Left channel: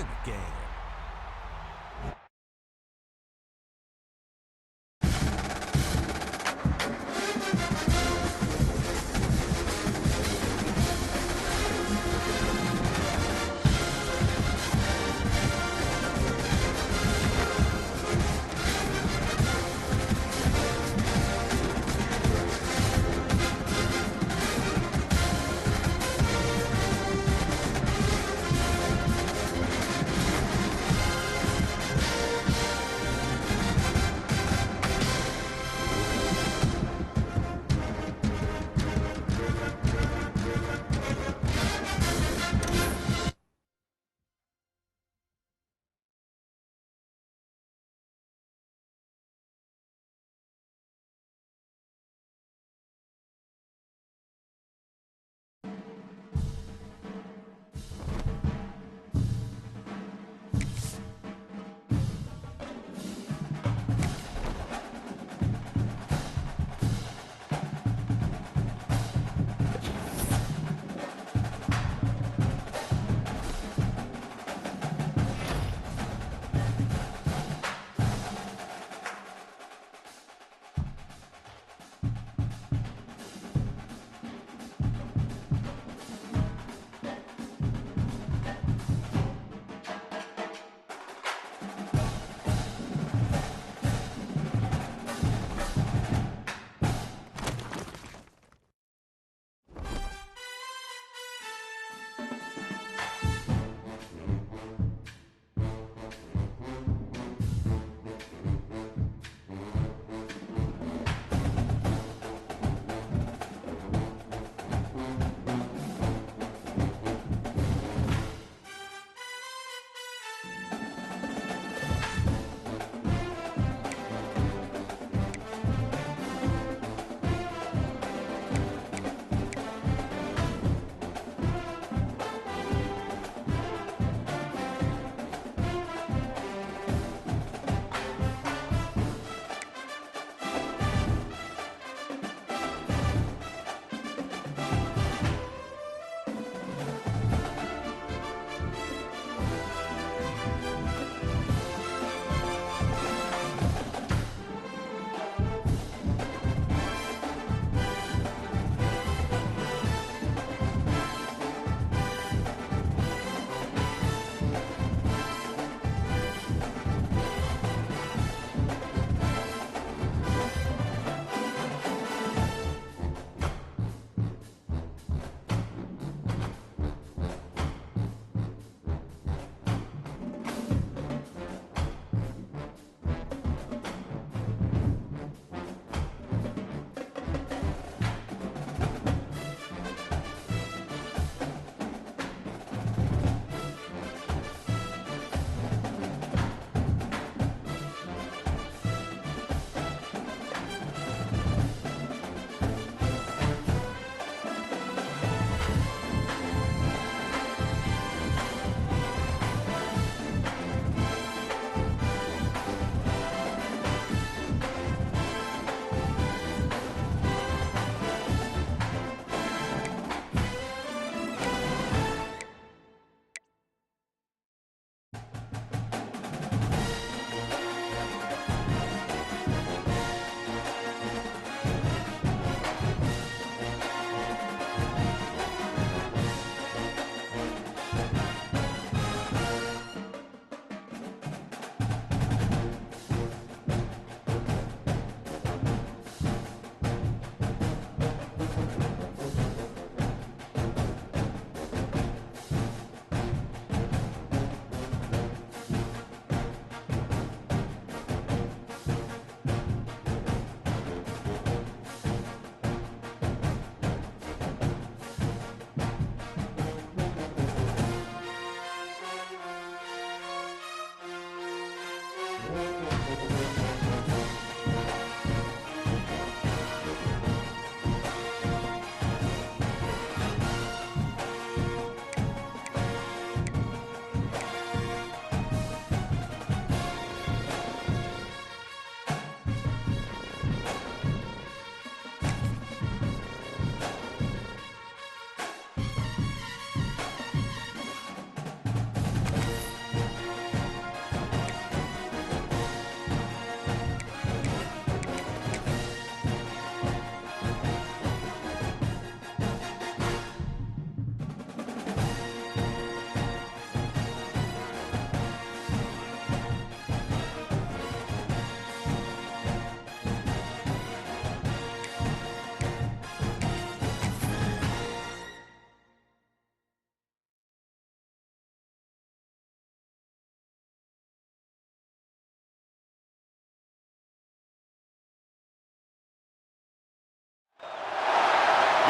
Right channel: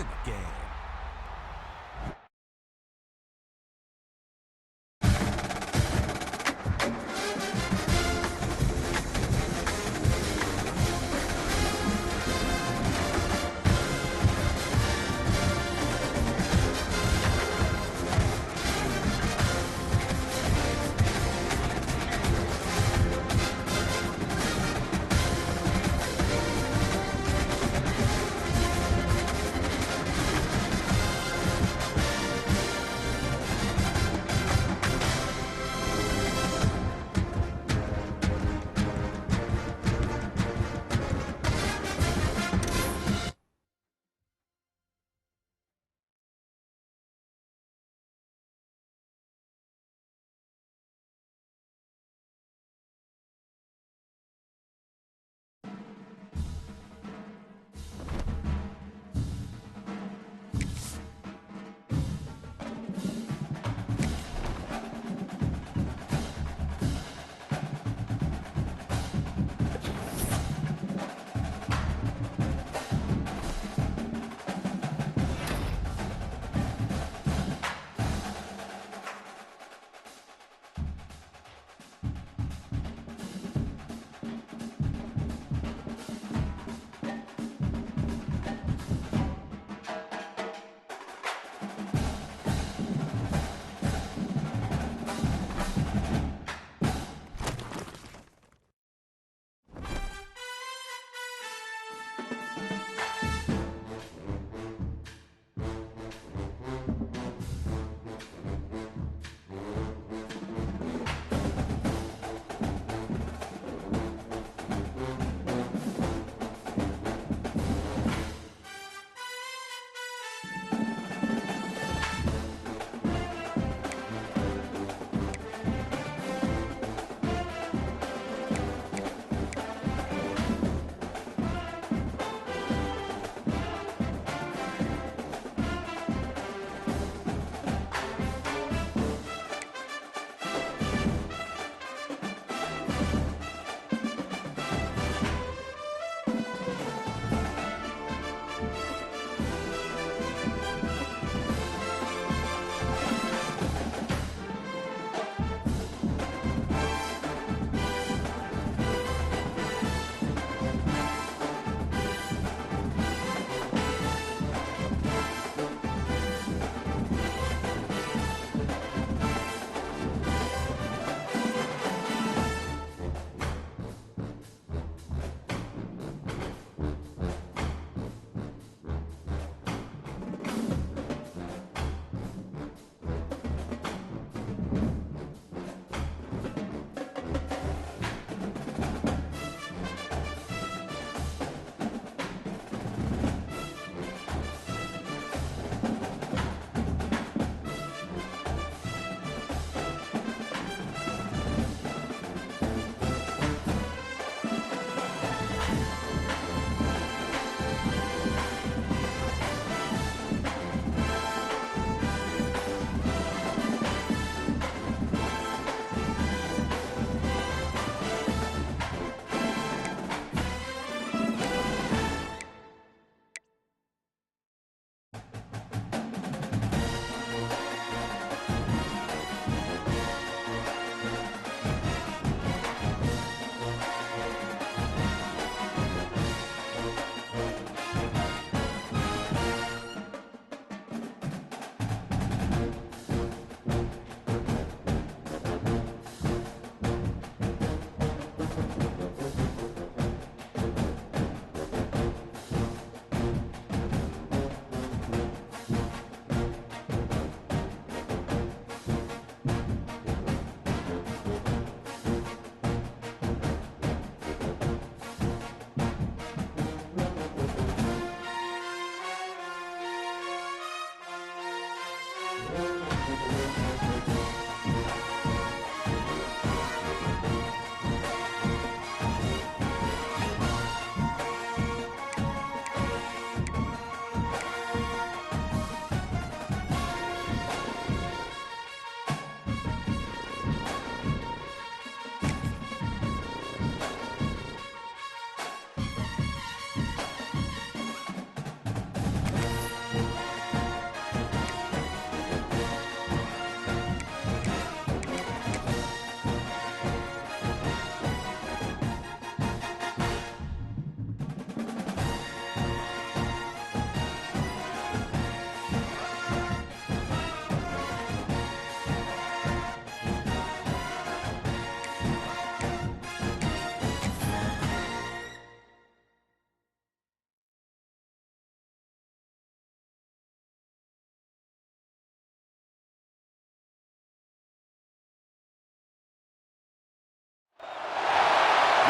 in the game.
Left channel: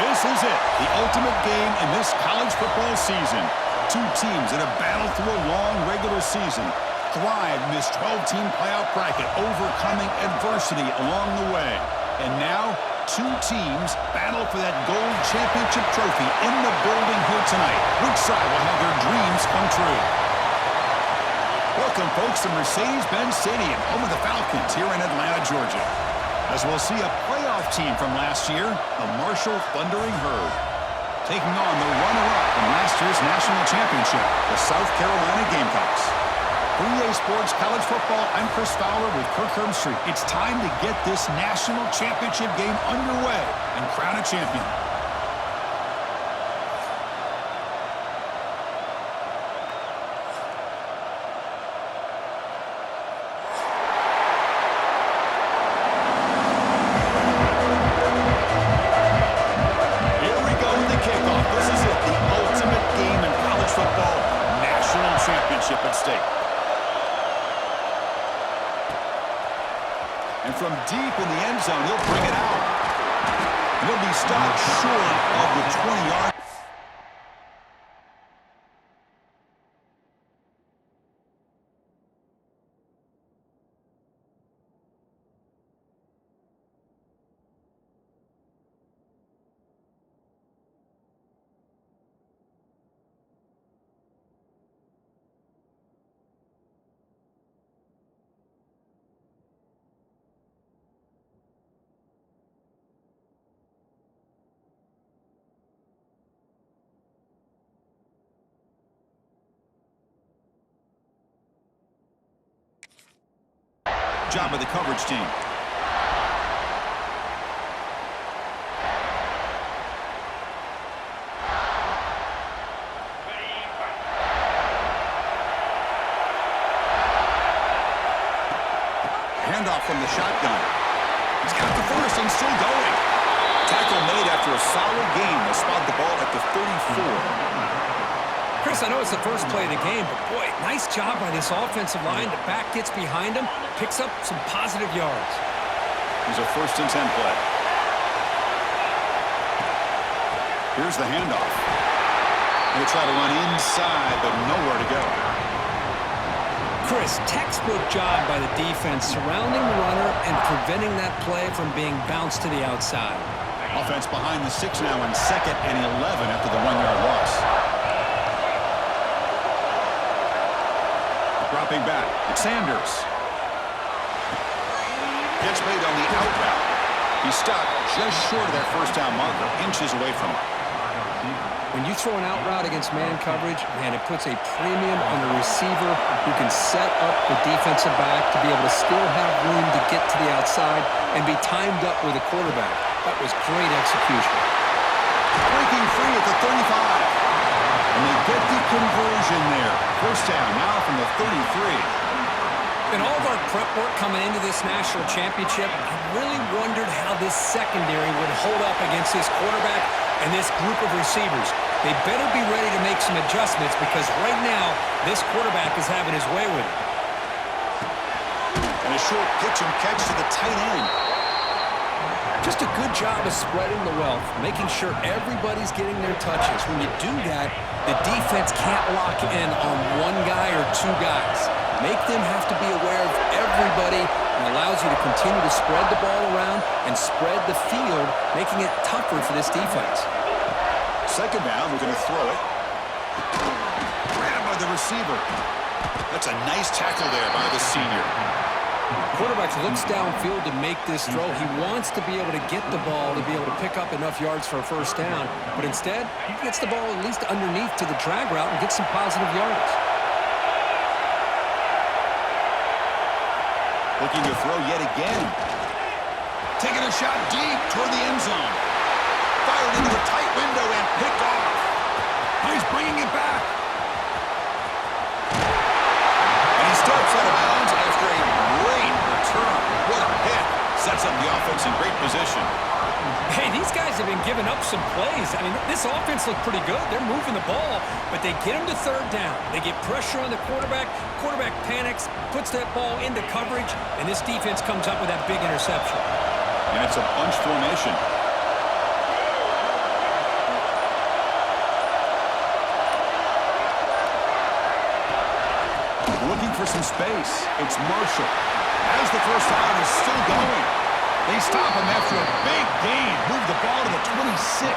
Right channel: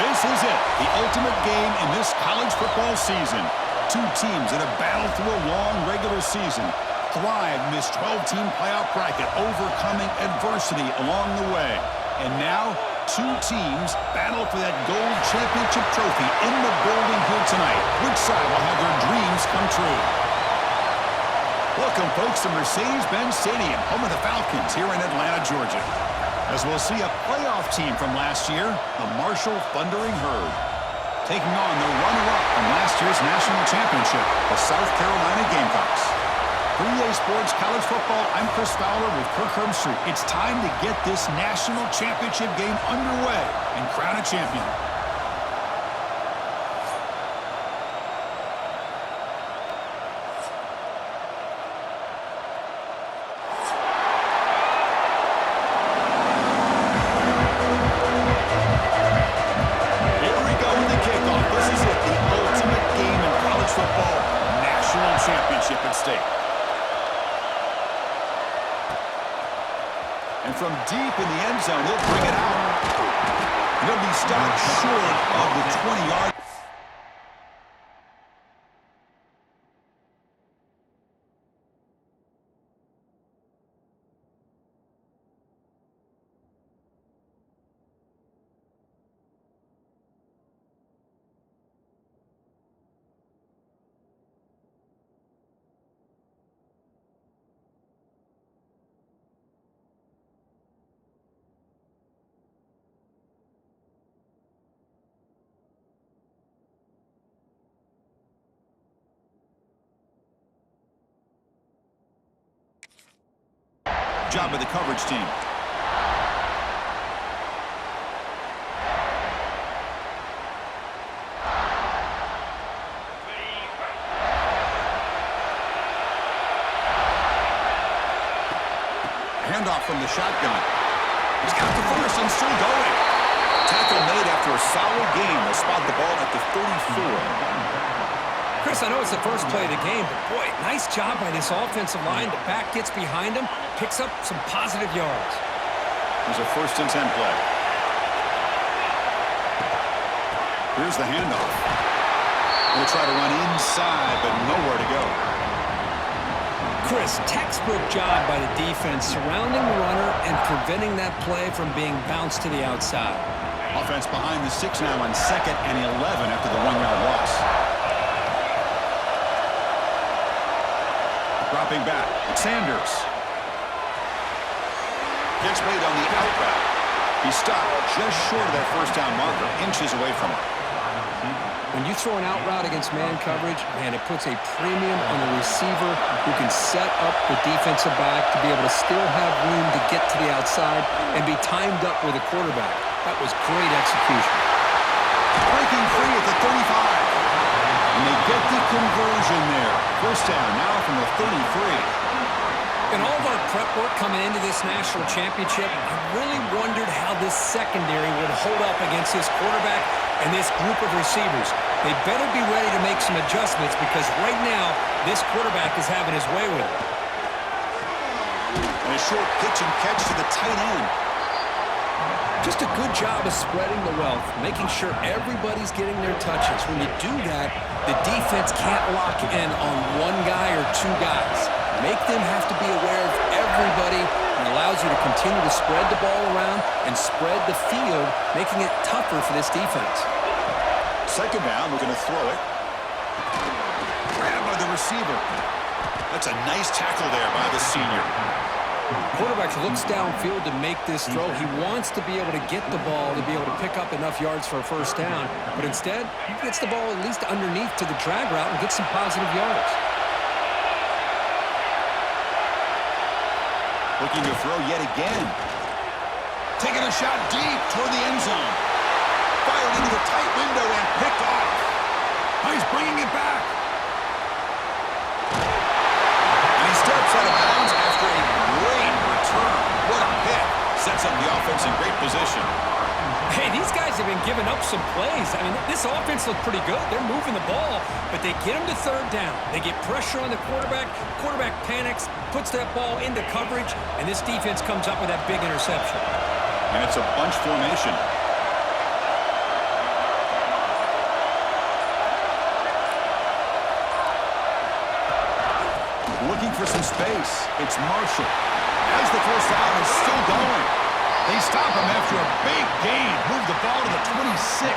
This is it, the ultimate game in this college football season. Two teams that have battled through a long regular season, thrived in this 12-team playoff bracket, overcoming adversity along the way. And now, two teams battle for that gold championship trophy in the building here tonight. Which side will have their dreams come true? Welcome, folks, to Mercedes-Benz Stadium, home of the Falcons here in Atlanta, Georgia. As we'll see a playoff team from last year, the Marshall Thundering Herd, taking on the runner-up from last year's national championship, the South Carolina Gamecocks. For EA Sports College Football, I'm Chris Fowler with Kirk Herbstreit. It's time to get this national championship game underway and crown a champion. Championship at stake. And from deep in the end zone, he'll bring it out. And he'll be stopped short of the 20-yard. Job of the coverage team. Handoff from the shotgun. He's got the first and still going. Tackle made after a solid gain. They'll spot the ball at the 34. Chris, I know it's the first play of the game, but boy, nice job by this offensive line. The back gets behind him, picks up some positive yards. Here's a 1st and 10 play. Here's the handoff. They'll try to run inside, but nowhere to go. Chris, textbook job by the defense surrounding the runner and preventing that play from being bounced to the outside. Offense behind the 6 now on 2nd and 11 after the 1-yard loss. Dropping back, it's Sanders. Catch made on the out route. He stopped just short of that first down marker, inches away from it. When you throw an out route against man coverage, man, it puts a premium on the receiver who can set up the defensive back to be able to still have room to get to the outside and be timed up with the quarterback. That was great execution. Breaking free at the 35. And they get the conversion there. First down now from the 33. In all of our prep work coming into this national championship, I really wondered how this secondary would hold up against this quarterback and this group of receivers. They better be ready to make some adjustments because right now, this quarterback is having his way with it. And a short pitch and catch to the tight end. Just a good job of spreading the wealth, making sure everybody's getting their touches. When you do that, the defense can't lock in on one guy or two guys. Make them have to be aware of everybody and allows you to continue to spread the ball around and spread the field, making it tougher for this defense. Second down, we're going to throw it. Grabbed by the receiver. That's a nice tackle there by the senior. Quarterback looks downfield to make this throw. He wants to be able to get the ball to be able to pick up enough yards for a first down, but instead, he gets the ball at least underneath to the drag route and gets some positive yards. Looking to throw yet again. Taking a shot deep toward the end zone. Fired into a tight window and picked off. Now he's bringing it back. And he steps out of bounds after a great return. What a pick. Sets up the offense in great position. Hey, these guys have been giving up some plays. I mean, this offense looked pretty good. They're moving the ball, but they get them to third down. They get pressure on the quarterback. Quarterback panics, puts that ball into coverage, and this defense comes up with that big interception. And it's a bunch formation. Looking for some space. It's Marshall. As the first down is still going. They stop him after a big gain. Move the ball to the 26.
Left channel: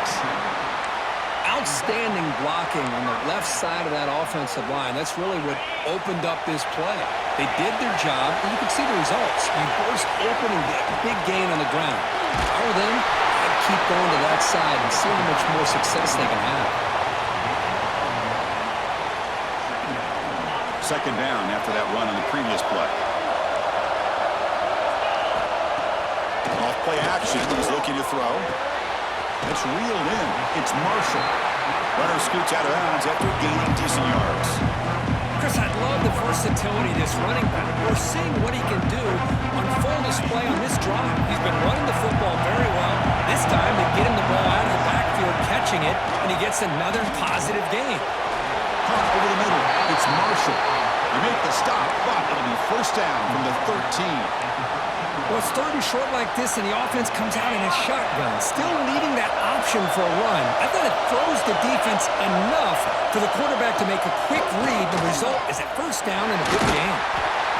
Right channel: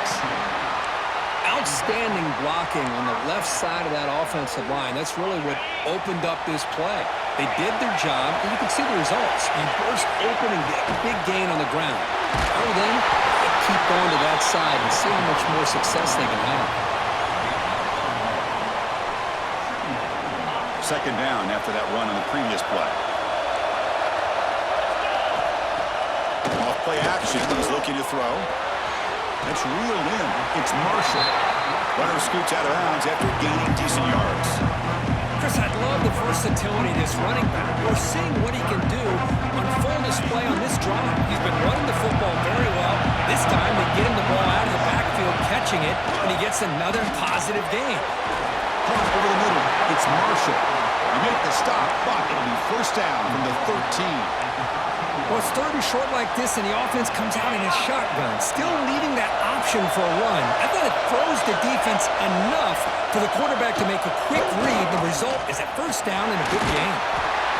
Outstanding blocking on the left side of that offensive line. That's really what opened up this play. They did their job, and you can see the results. You burst open and get a big gain on the ground. If I were them, I'd keep going to that side and see how much more success they can have. Second down after that run on the previous play. Off play action. He's looking to throw. That's reeled in. It's Marshall. Runner scoots out of bounds after gaining decent yards. Chris, I love the versatility of this running back. We're seeing what he can do on full display on this drive. He's been running the football very well. This time they get him the ball out of the backfield, catching it, and he gets another positive gain. Punt over the middle. It's Marshall. They make the stop, but it'll be first down from the 13. Well, it's third and short like this, and the offense comes out in a shotgun, still leaving that option for a run. I thought it throws the defense enough for the quarterback to make a quick read. The result is a first down and a good gain.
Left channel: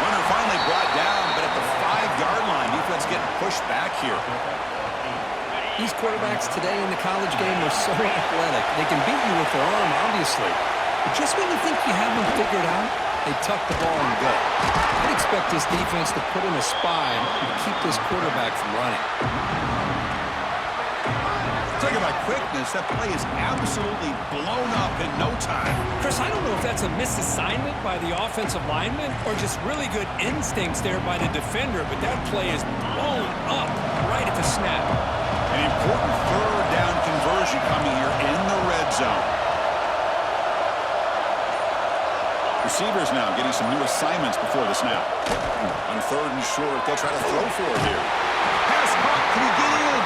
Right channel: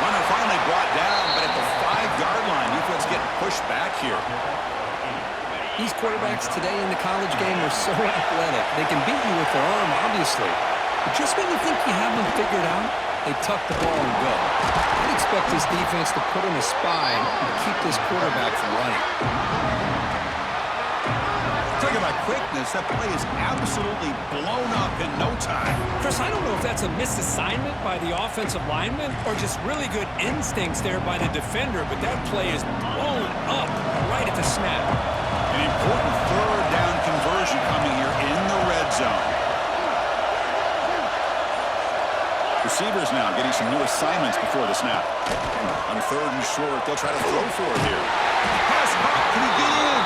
Runner finally brought down, but at the 5-yard line, defense getting pushed back here. These quarterbacks today in the college game are so athletic. They can beat you with their arm, obviously. But just when you think you have them figured out, they tuck the ball and go. I'd expect this defense to put in a spy and keep this quarterback from running. Talking about quickness, that play is absolutely blown up in no time. Chris, I don't know if that's a misassignment by the offensive lineman or just really good instincts there by the defender, but that play is blown up right at the snap. An important third down conversion coming here in the red zone. Receivers now getting some new assignments before the snap. On third and short, they'll try to throw for it here. Pass caught. Can he get in?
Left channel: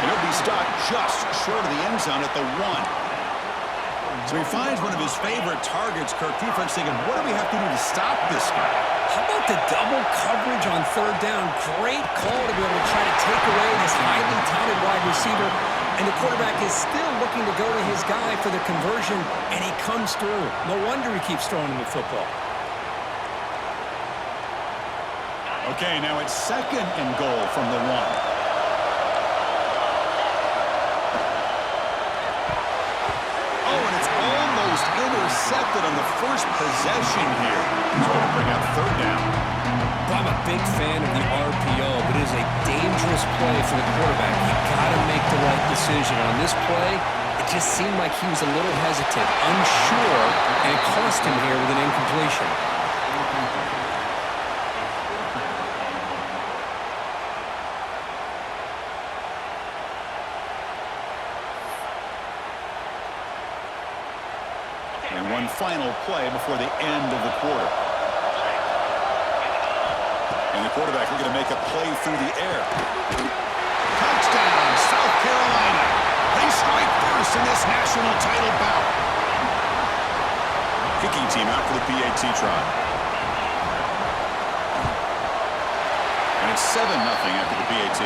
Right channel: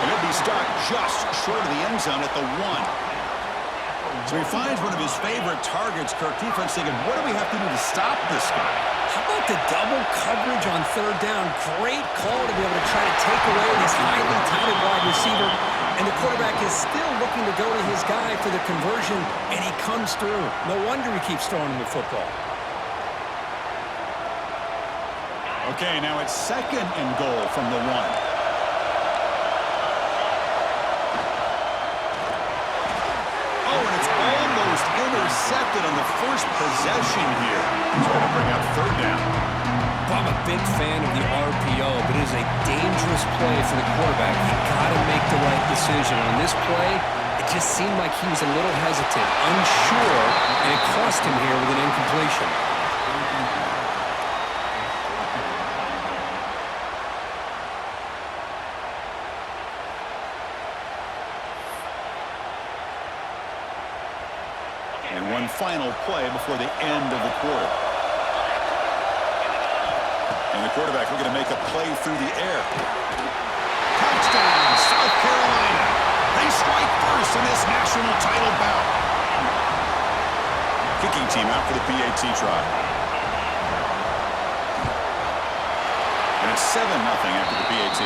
And he'll be stopped just short of the end zone at the 1. So he finds one of his favorite targets. Kirk, defense thinking, what do we have to do to stop this guy? How about the double coverage on third down? Great call to be able to try to take away this highly touted wide receiver. And the quarterback is still looking to go to his guy for the conversion, and he comes through. No wonder he keeps throwing him the football. Okay, now it's second and goal from the 1. Oh, and it's almost intercepted on the first possession here. Trying to bring up third down. I'm a big fan of the RPO, but it is a dangerous play for the quarterback. You got to make the right decision. On this play, it just seemed like he was a little hesitant, unsure, and it cost him here with an incompletion. And one final play before the end of the quarter. And the quarterback looking to make a play through the air. Touchdown, South Carolina. They strike first in this national title bout. Kicking team out for the PAT try. And it's 7-0 after the PAT.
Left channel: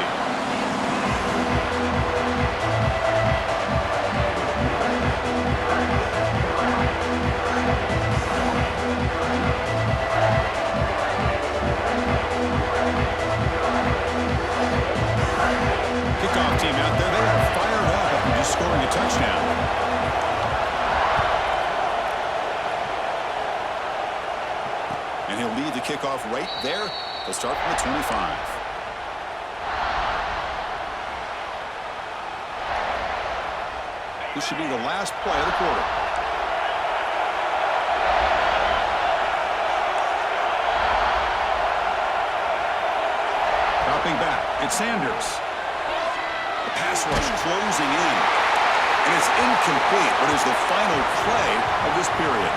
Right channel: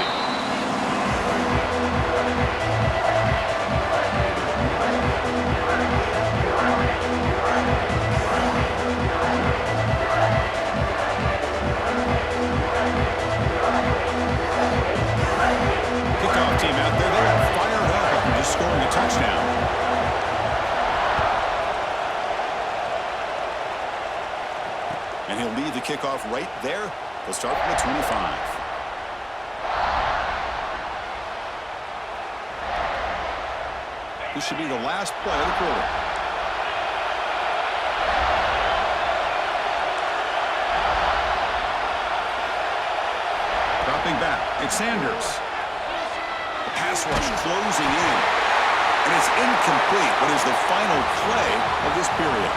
Kickoff team out there, they are fired up after just scoring a touchdown. And he'll lead the kickoff right there. He'll start from the 25. This should be the last play of the quarter. Dropping back, it's Sanders. The pass rush closing in. And it's incomplete, but is the final play of this period.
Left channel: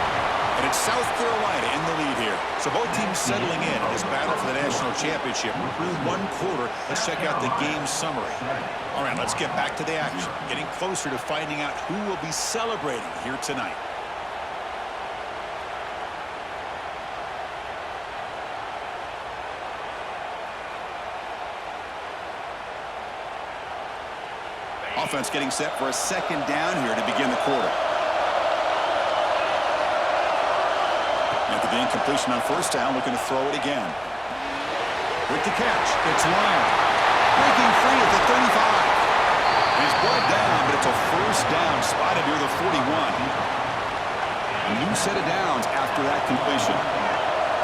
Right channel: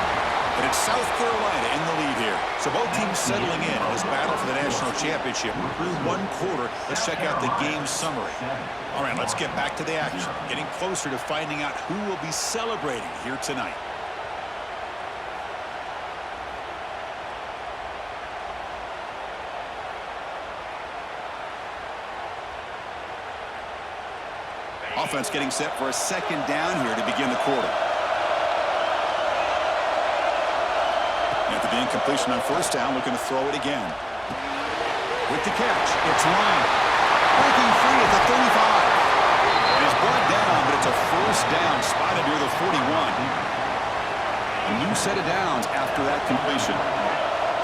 And it's South Carolina in the lead here. So both teams settling in this battle for the national championship. Through one quarter, let's check out the game summary. All right, let's get back to the action. Getting closer to finding out who will be celebrating here tonight. Offense getting set for a second down here to begin the quarter. After the incompletion on first down, looking to throw it again. With the catch, it's Lyon. Breaking free at the 35. And he's brought down, but it's a first down spotted near the 41. A new set of downs after that completion.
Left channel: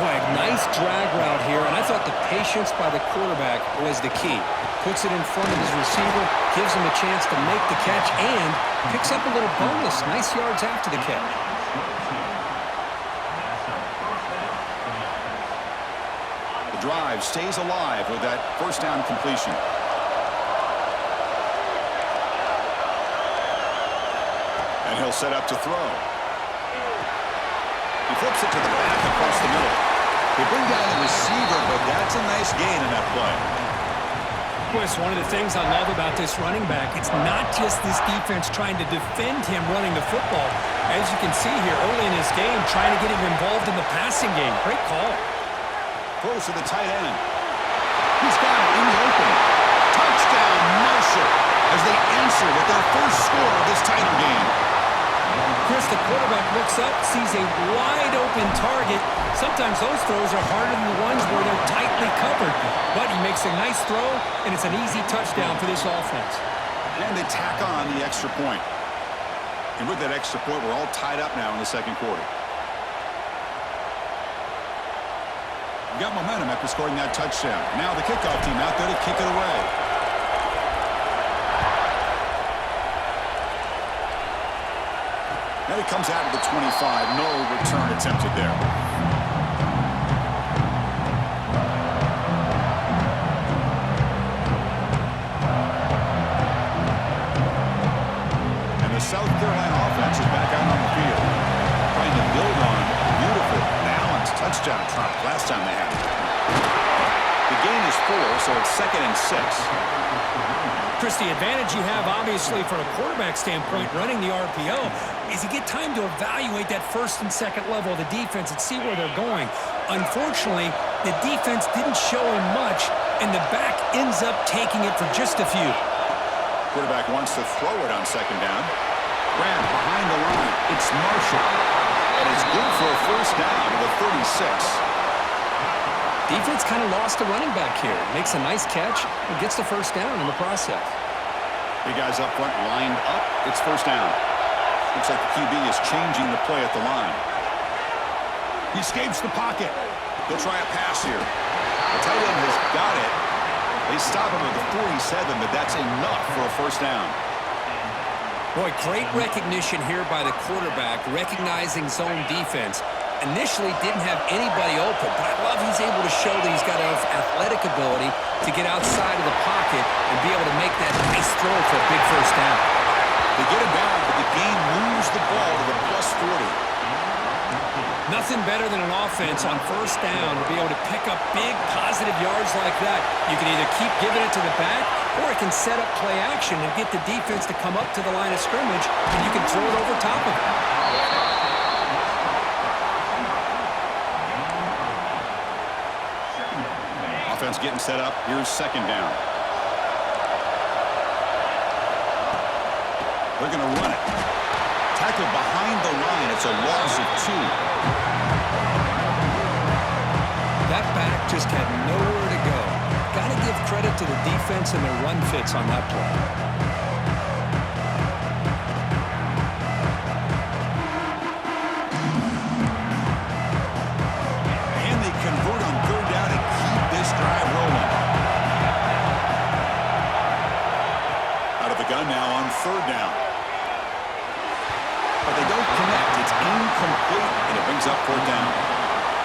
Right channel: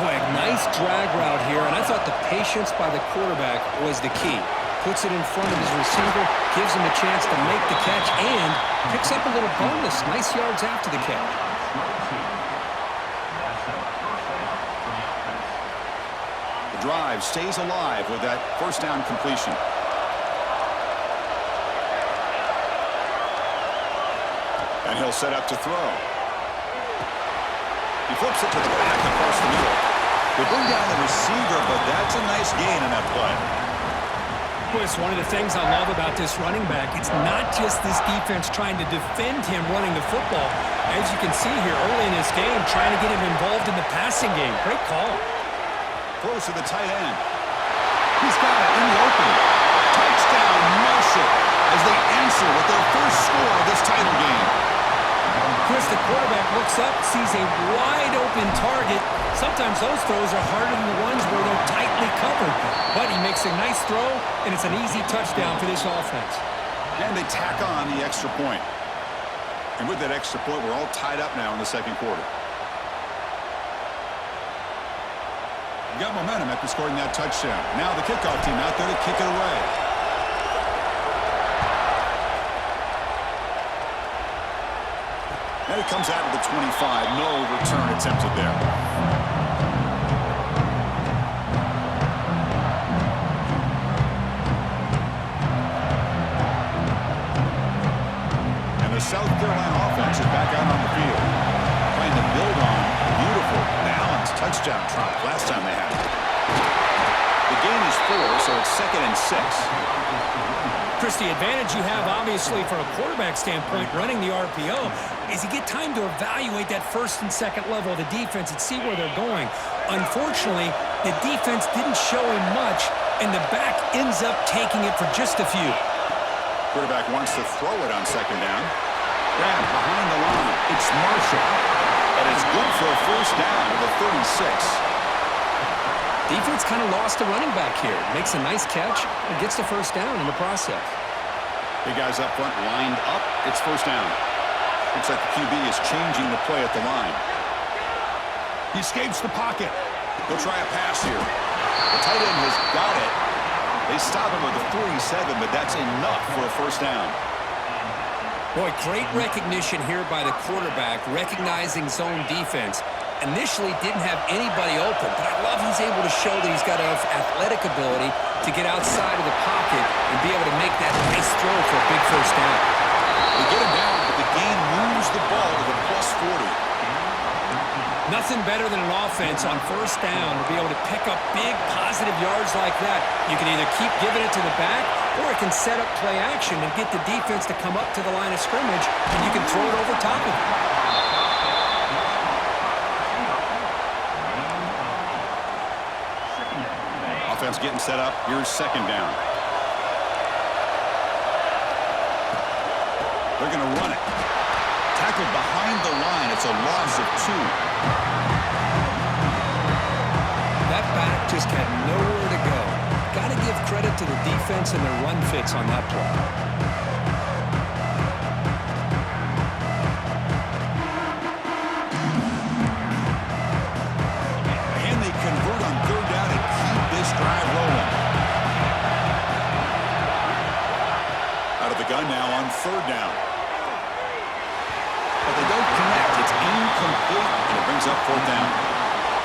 Boy, nice drag route here, and I thought the patience by the quarterback was the key. Puts it in front of his receiver, gives him a chance to make the catch, and picks up a little bonus. Nice yards after the catch. The drive stays alive with that first down completion. And he'll set up to throw. He flips it to the back across the middle. They bring down the receiver, but that's a nice gain in that play. Boy, it's one of the things I love about this running back. It's not just this defense trying to defend him running the football. As you can see here early in this game, trying to get him involved in the passing game. Great call. Throws to the tight end. He's got it in the open. Touchdown, Marshall, as they answer with their first score of this title game. Chris, the quarterback looks up, sees a wide-open target. Sometimes those throws are harder than the ones where they're tightly covered. But he makes a nice throw, and it's an easy touchdown for this offense. And they tack on the extra point. And with that extra point, we're all tied up now in the second quarter. We got momentum after scoring that touchdown. Now the kickoff team out there to kick it away. And it comes out of the 25. No return attempted there. And the South Carolina offense is back out on the field, trying to build on a beautiful, balanced touchdown trot last time they had it. The gain is 4, so it's 2nd and 6. Chris, the advantage you have, obviously, from a quarterback standpoint, running the RPO, is you get time to evaluate that first and second level of the defense and see where they're going. Unfortunately, the defense didn't show him much, and the back ends up taking it for just a few. Quarterback wants to throw it on second down. Grab behind the line. It's Marshall. And it's good for a first down to the 36. Defense kind of lost the running back here. Makes a nice catch and gets the first down in the process. Big guys up front lined up. It's first down. Looks like the QB is changing the play at the line. He escapes the pocket. They'll try a pass here. The tight end has got it. They stop him at the 47, but that's enough for a first down. Boy, great recognition here by the quarterback, recognizing zone defense. Initially didn't have anybody open, but I love he's able to show that he's got enough athletic ability to get outside of the pocket and be able to make that nice throw for a big first down. They get him down, but the gain moves the ball to the plus 40. Nothing better than an offense on first down to be able to pick up big positive yards like that. You can either keep giving it to the back, or it can set up play action and get the defense to come up to the line of scrimmage, and you can throw it over top of it. Offense getting set up. Here's second down. They're going to run it. Tackled behind the line. It's a loss of 2. That back just had nowhere to go. Got to give credit to the defense and their run fits on that play. Convert on third down and keep this drive rolling. Out of the gun now on third down. But they don't connect. It's incomplete, and it brings up fourth down.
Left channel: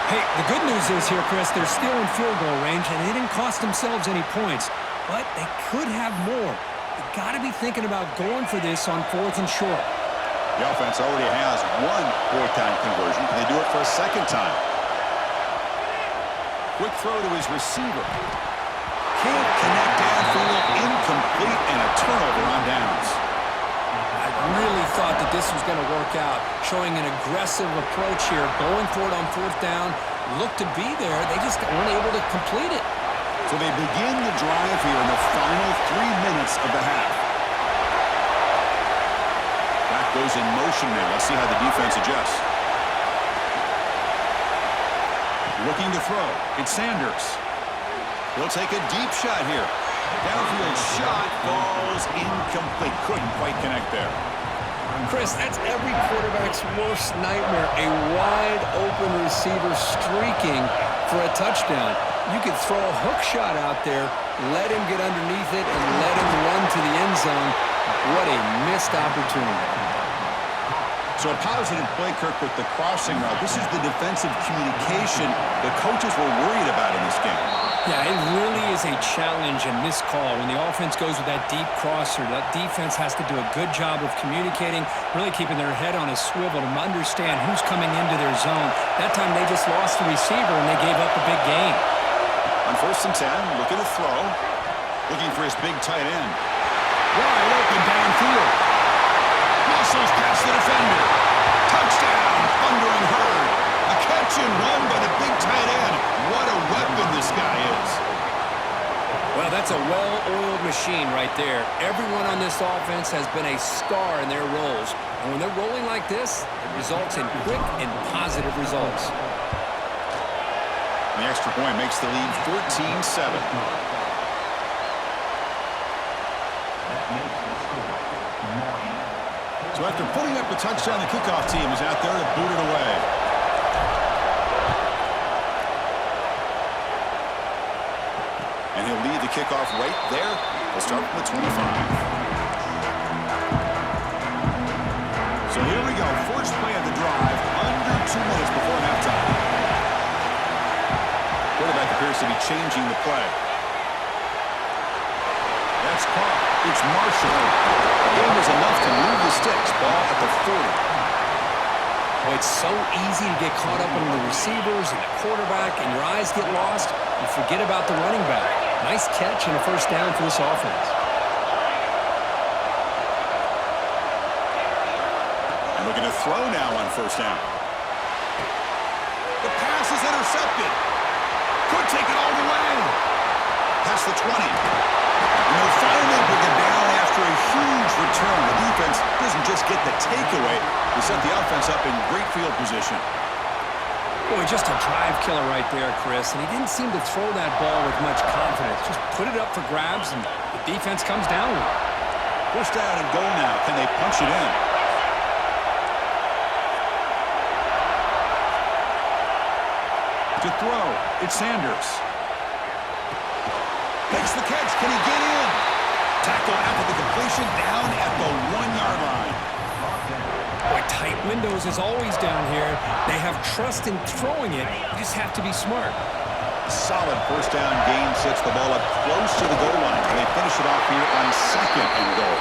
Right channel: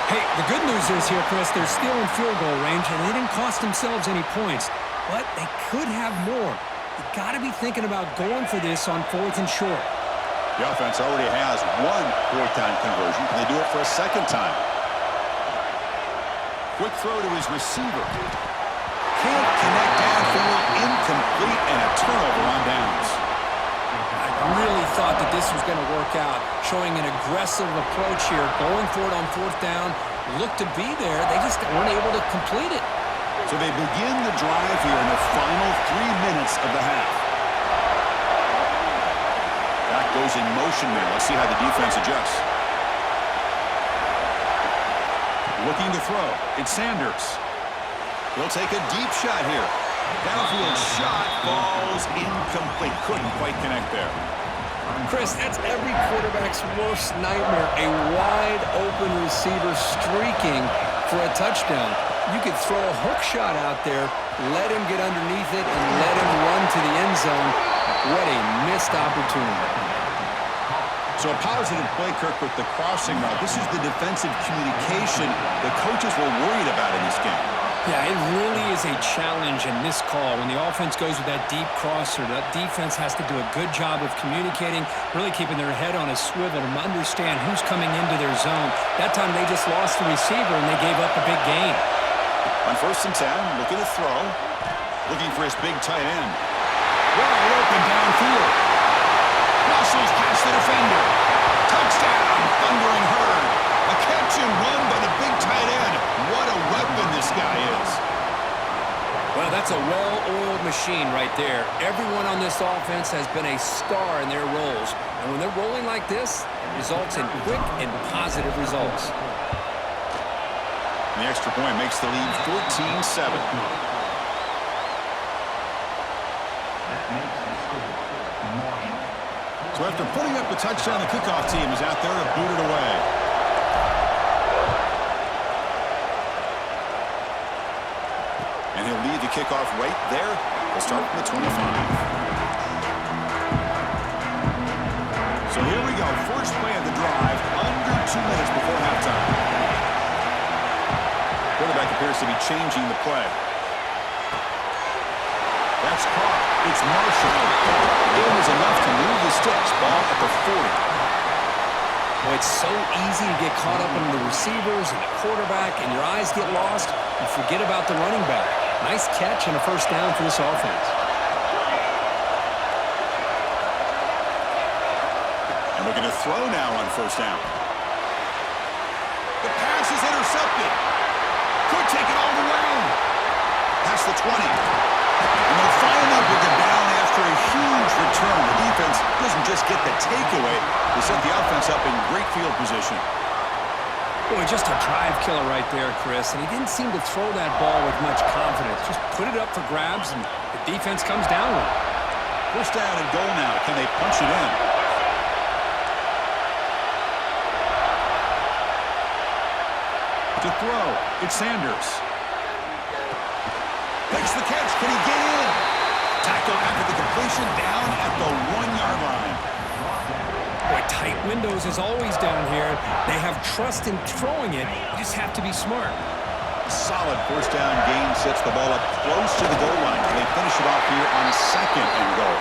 Hey, the good news is here, Chris, they're still in field goal range, and they didn't cost themselves any points. But they could have more. You got to be thinking about going for this on 4th and short. The offense already has one fourth-down conversion. Can they do it for a second time? Quick throw to his receiver. Can't connect downfield, incomplete, and a turnover on downs. I really thought that this was going to work out, showing an aggressive approach here, going for it on 4th down, looked to be there. They just weren't able to complete it. So they begin the drive here in the final 3 minutes of the half. Back goes in motion now. Let's see how the defense adjusts. Looking to throw. It's Sanders. He'll take a deep shot here. Downfield shot falls incomplete. Couldn't quite connect there. Chris, that's every quarterback's worst nightmare. A wide-open receiver streaking for a touchdown. You could throw a hook shot out there, let him get underneath it, and let him run to the end zone. What a missed opportunity. So a positive play, Kirk, with the crossing route. This is the defensive communication the coaches were worried about in this game. Yeah, it really is a challenge and missed call. When the offense goes with that deep crosser, that defense has to do a good job of communicating, really keeping their head on a swivel to understand who's coming into their zone. That time they just lost the receiver and they gave up a big gain. On 1st and 10, looking to throw. Looking for his big tight end. Wide open downfield. Muscles past the defender. Touchdown, Thundering Herd. A catch and run by the big tight end. What a weapon this guy is. Well, that's a well-oiled machine right there. Everyone on this offense has been a star in their roles. And when they're rolling like this, it results in quick and positive results. The extra point makes the lead 14-7. So after putting up a touchdown, the kickoff team is out there to boot it away. And he'll lead the kickoff right there. We'll start from the 25. So here we go. First play of the drive, under 2 minutes before halftime. Quarterback appears to be changing the play. That's caught. It's Marshall. The game is enough to move the sticks. Ball at the 40. Boy, it's so easy to get caught up in the receivers and the quarterback, and your eyes get lost. You forget about the running back. Nice catch and a first down for this offense. And looking to throw now on 1st down. The pass is intercepted. Could take it all the way. Past the 20. And they'll finally bring him down after a huge return. The defense doesn't just get the takeaway. They set the offense up in great field position. Boy, just a drive killer right there, Chris. And he didn't seem to throw that ball with much confidence. Just put it up for grabs, and the defense comes down with it. 1st down and goal now. Can they punch it in? To throw, it's Sanders. Makes the catch. Can he get in? Tackle after the completion, down at the 1-yard line. Boy, tight windows is always down here. They have trust in throwing it. You just have to be smart. Solid 1st down gain sets the ball up close to the goal line. They finish it off here on 2nd and goal.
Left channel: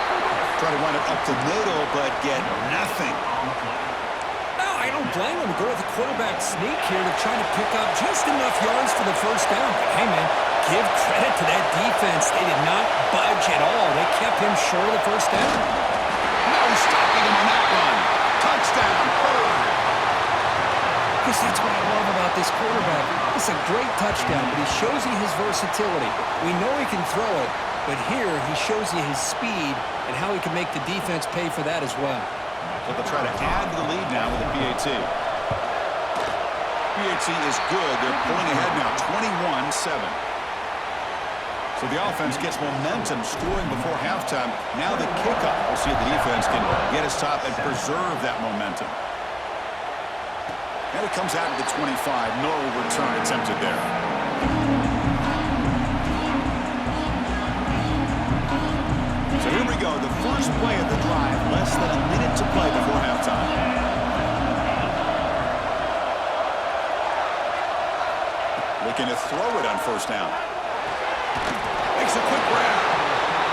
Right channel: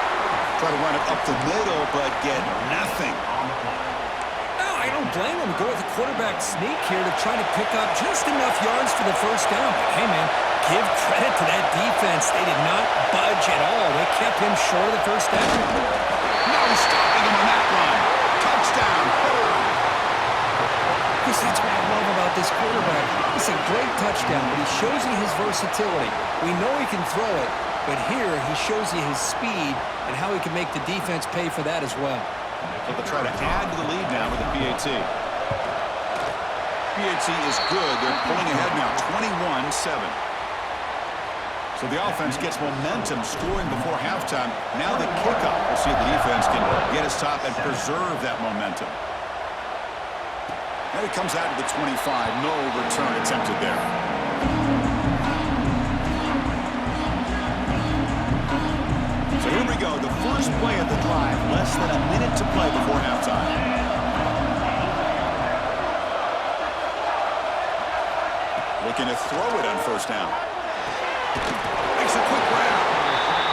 Try to run it up the middle, but get nothing. No, I don't blame him. Go with the quarterback sneak here to try to pick up just enough yards for the 1st down. But hey, man, give credit to that defense. They did not budge at all. They kept him short of the 1st down. No stopping him on that run. Touchdown, Herd. Chris, that's what I love about this quarterback. It's a great touchdown, but he shows you his versatility. We know he can throw it, but here he shows you his speed and how he can make the defense pay for that as well. So they'll try to add to the lead now with the PAT. PAT is good. They're pulling ahead now, 21-7. So the offense gets momentum, scoring before halftime. Now the kickoff. We'll see if the defense can get a stop and preserve that momentum. And it comes out to the 25. No return attempted there. So here we go. The first play of the drive. Less than a minute to play before halftime. Looking to throw it on 1st down. Makes a quick grab.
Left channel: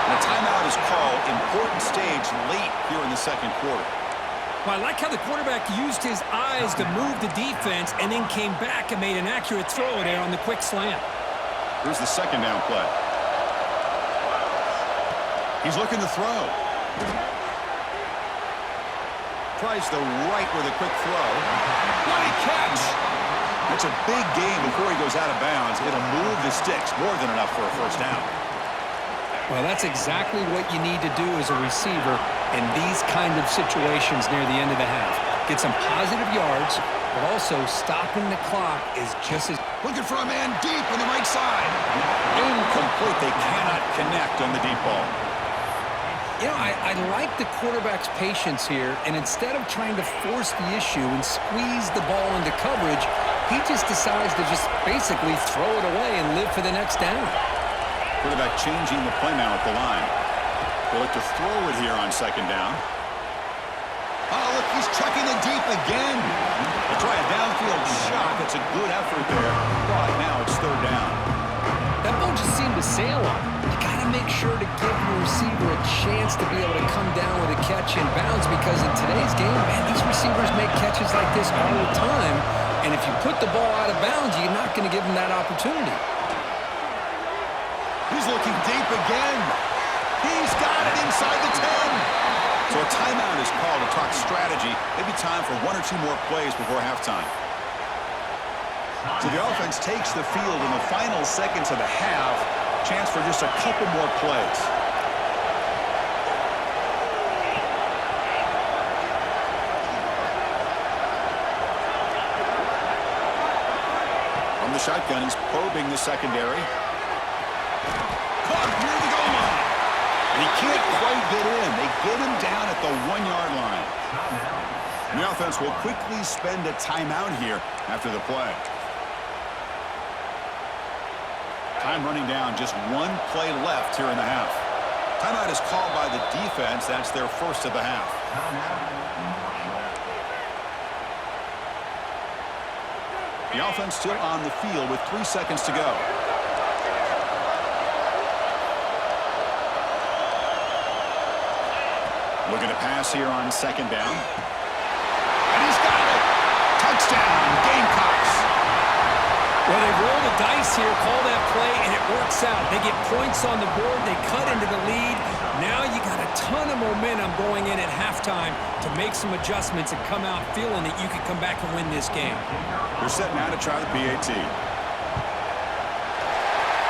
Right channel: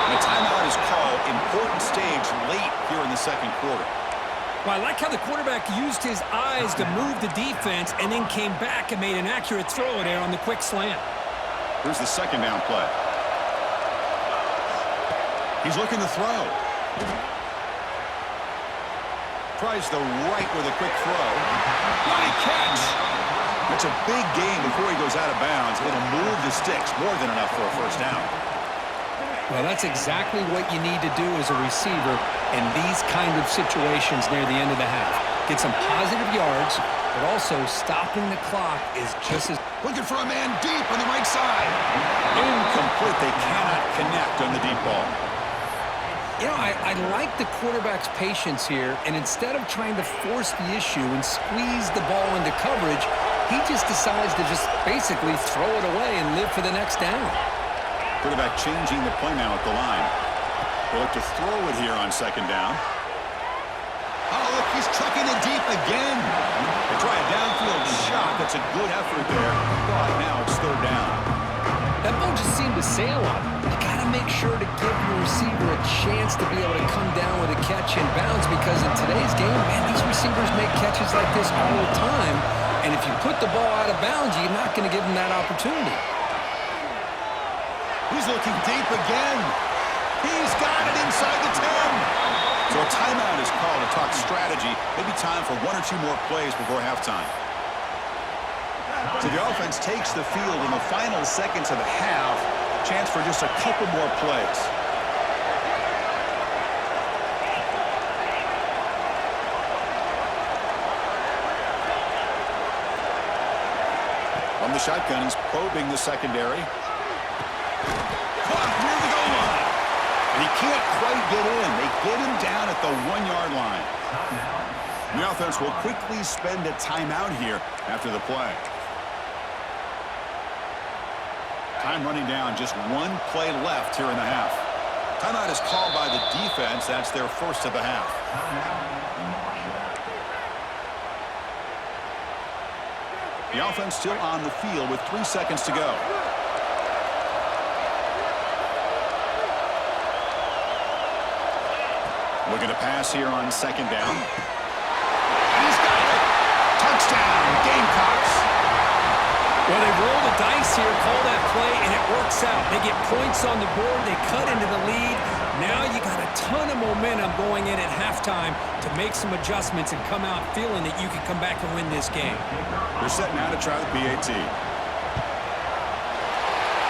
And a timeout is called. Important stage late here in the 2nd quarter. Well, I like how the quarterback used his eyes to move the defense and then came back and made an accurate throw there on the quick slant. Here's the 2nd down play. He's looking to throw. Tries the right with a quick throw. What a catch! That's a big gain before he goes out of bounds. It'll move the sticks, more than enough for a 1st down. Well, that's exactly what you need to do as a receiver in these kind of situations near the end of the half. Get some positive yards, but also stopping the clock is just as... Looking for a man deep on the right side. Incomplete. They cannot connect on the deep ball. You know, I like the quarterback's patience here, and instead of trying to force the issue and squeeze the ball into coverage, he just decides to just basically throw it away and live for the next down. Quarterback changing the play now at the line. They look to throw it here on second down. Oh, look, he's chucking it deep again. They try a downfield shot. That's a good effort there. But now it's third down. That ball just seemed to sail on him. You got to make sure to give your receiver a chance to be able to come down with a catch in bounds, because in today's game, man, these receivers make catches like this all the time. And if you put the ball out of bounds, you're not going to give them that opportunity. He's looking deep again. He's got it inside the 10. So a timeout is called to talk strategy. Maybe time for one or two more plays before halftime. So the offense takes the field in the final seconds of the half. Chance for just a couple more plays. From the shotgun, he's probing the secondary. Caught near the goal line. And he can't quite get in. They get him down at the 1-yard line. And the offense will quickly spend a timeout here after the play. Time running down, just one play left here in the half. Timeout is called by the defense. That's their first of the half. The offense still on the field with 3 seconds to go. Looking to pass here on second down. And he's got it. Touchdown, Gamecocks. Well, they roll the dice here, call that play, and it works out. They get points on the board. They cut into the lead. Now you got a ton of momentum going in at halftime to make some adjustments and come out feeling that you can come back and win this game. They're set now to try the PAT.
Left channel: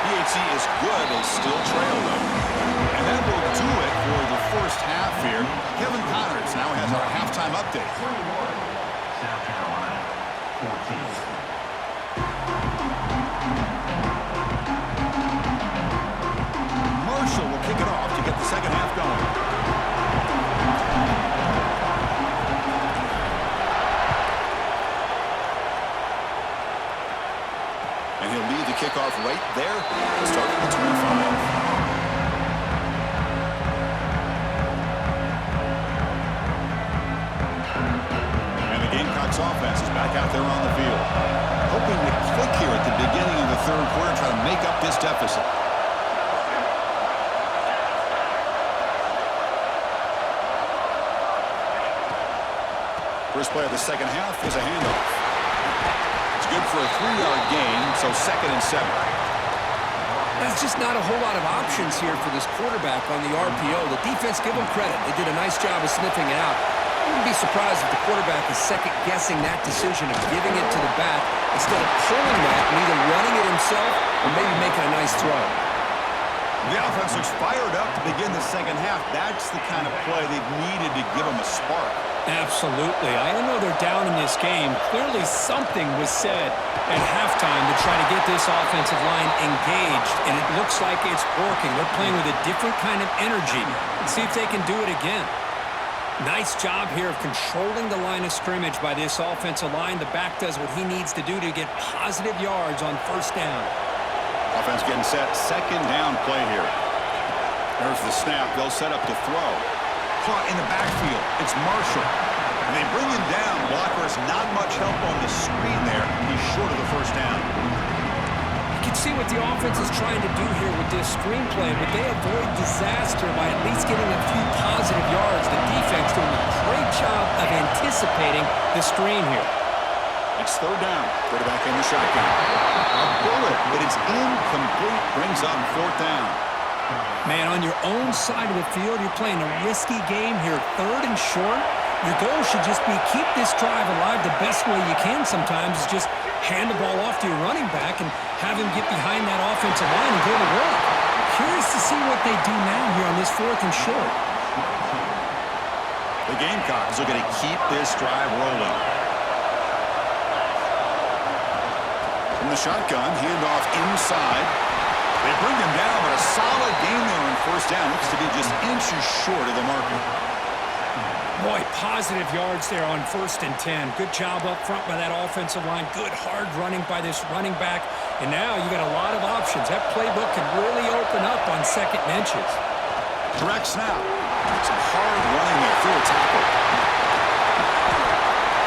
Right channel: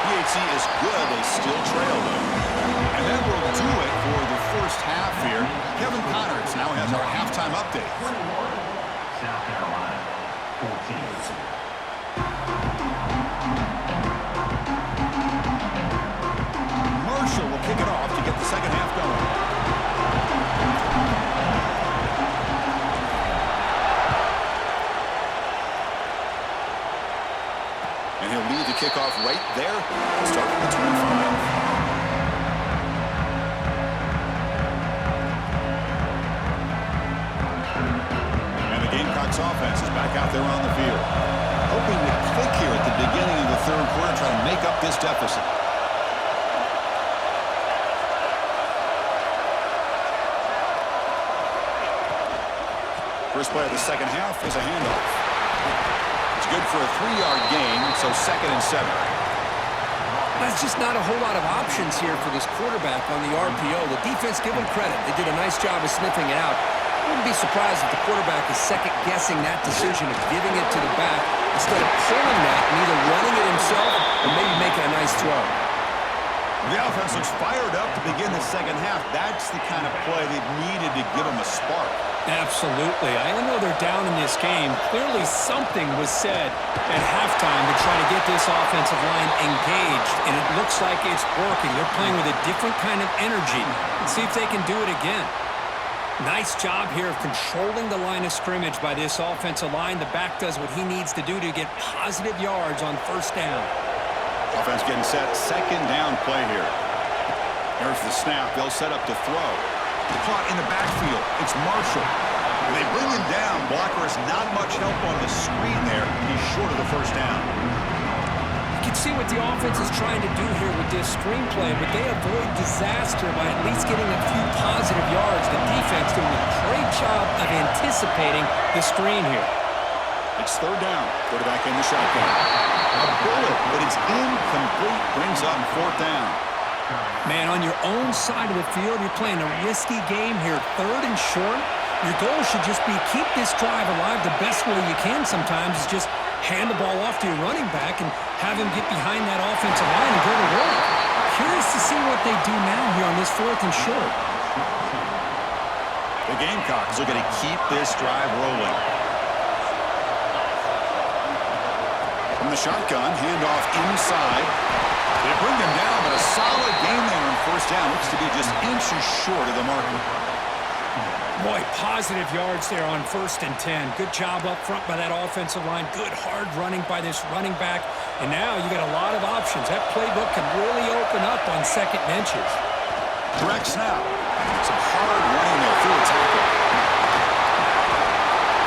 PAT is good. They still trail, though. And that will do it for the first half here. Kevin Connors now has our halftime update. 21, South Carolina, 14. Marshall will kick it off to get the second half going. And he'll lead the kickoff right there. Start from the 25. Gamecocks offense is back out there on the field. Hoping to click here at the beginning of the third quarter, try to make up this deficit. First play of the second half is a handoff. It's good for a 3-yard gain, so 2nd and 7. That's just not a whole lot of options here for this quarterback on the RPO. The defense, give them credit. They did a nice job of sniffing it out. I wouldn't be surprised if the quarterback is second-guessing that decision of giving it to the back instead of pulling that and either running it himself or maybe making a nice throw. The offense looks fired up to begin the second half. That's the kind of play they've needed to give them a spark. Absolutely. I know they're down in this game. Clearly something was said at halftime to try to get this offensive line engaged, and it looks like it's working. They're playing with a different kind of energy. Let's see if they can do it again. Nice job here of controlling the line of scrimmage by this offensive line. The back does what he needs to do to get positive yards on first down. Offense getting set. Second down play here. There's the snap. They'll set up to throw. Caught in the backfield. It's Marshall. And they bring him down. Blocker has not much help on the screen there. He's short of the first down. You can see what the offense is trying to do here with this screenplay, but they avoid disaster by at least getting a few positive yards. The defense doing a great job of anticipating the screen here. It's third down. Quarterback in the shotgun. A bullet, but it's incomplete. Brings up fourth down. Man, on your own side of the field, you're playing a risky game here. Third and short. Your goal should just be keep this drive alive the best way you can sometimes is just hand the ball off to your running back and have him get behind that offensive line and go to work. Curious to see what they do now here on this 4th and short. The Gamecocks are going to keep this drive rolling. From the shotgun, handoff inside. They bring him down, but a solid game there on first down. Looks to be just inches short of the marker. Boy, positive yards there on 1st and 10. Good job up front by that offensive line. Good hard running by this running back. And now you got a lot of options. That playbook can really open up on 2nd and inches. Correct snap. Some hard running there through a tackle.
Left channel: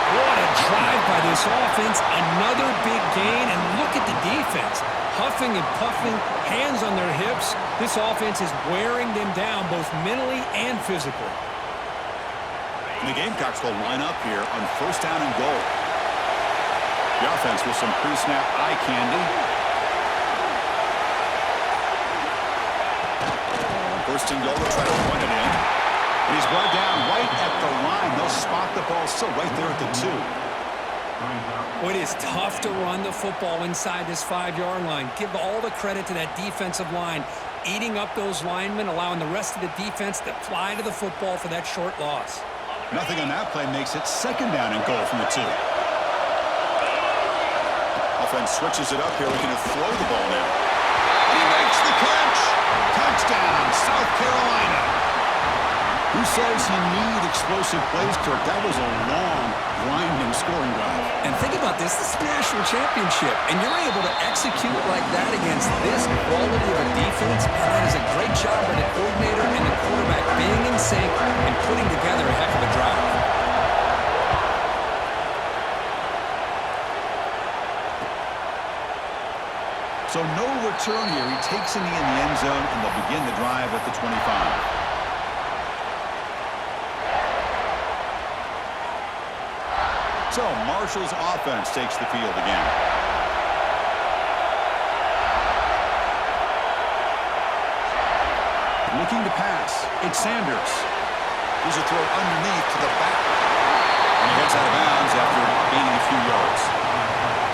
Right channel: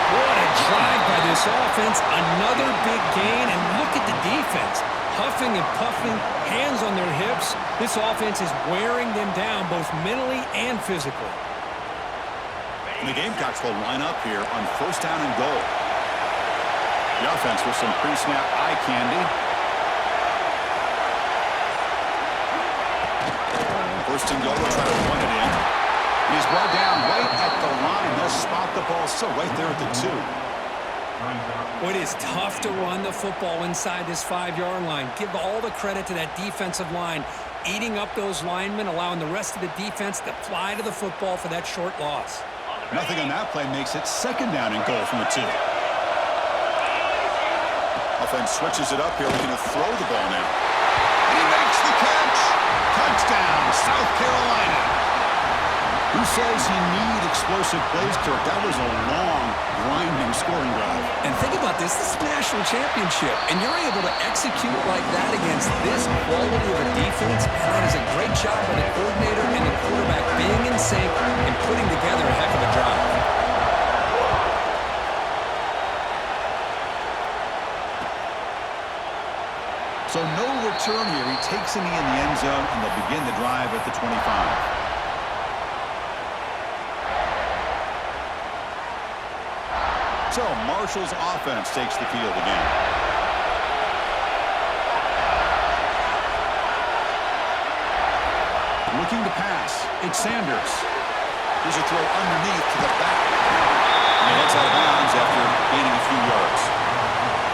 What a drive by this offense. Another big gain. And look at the defense. Huffing and puffing, hands on their hips. This offense is wearing them down both mentally and physically. And the Gamecocks will line up here on 1st down and goal. The offense with some pre-snap eye candy. 1st and goal, they'll try to run it in. And he's brought down right at the line. They'll spot the ball still right there at the 2. Well, it is tough to run the football inside this 5-yard line. Give all the credit to that defensive line, eating up those linemen, allowing the rest of the defense to fly to the football for that short loss. Nothing on that play makes it 2nd down and goal from the 2. Offense switches it up here, looking to throw the ball now. And he makes the catch. Touchdown, South Carolina. Who says you need explosive plays, Kirk? That was a long, grinding scoring drive. And think about this. This is a national championship, and you're able to execute like that against this quality of a defense. And that is a great job by the coordinator and the quarterback being in sync and putting together a heck of a drive. So no return here. He takes it in the end zone, and they'll begin the drive at the 25. So Marshall's offense takes the field again. Looking to pass. It's Sanders. Here's a throw underneath to the back. And he heads out of bounds after gaining a few yards.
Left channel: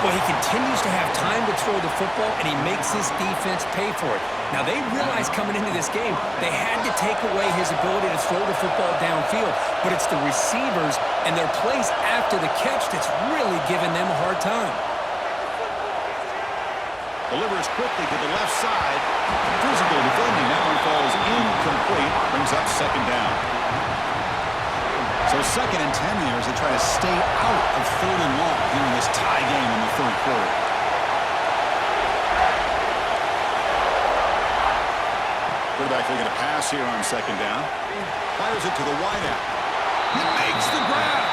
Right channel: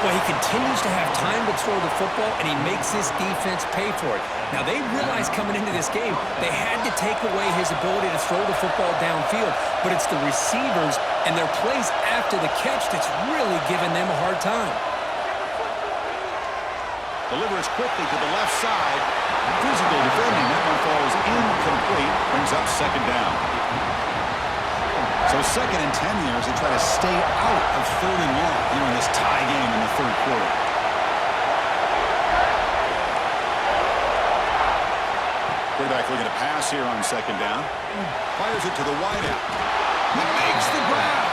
Well, he continues to have time to throw the football, and he makes his defense pay for it. Now, they realized coming into this game they had to take away his ability to throw the football downfield, but it's the receivers and their plays after the catch that's really giving them a hard time. Delivers quickly to the left side. Physical defending. That one falls incomplete. Brings up 2nd down. So 2nd and 10 here as they try to stay out of 3rd and long here in this tie game in the 3rd quarter. Quarterback looking to pass here on 2nd down. Fires it to the wideout. He makes the grab.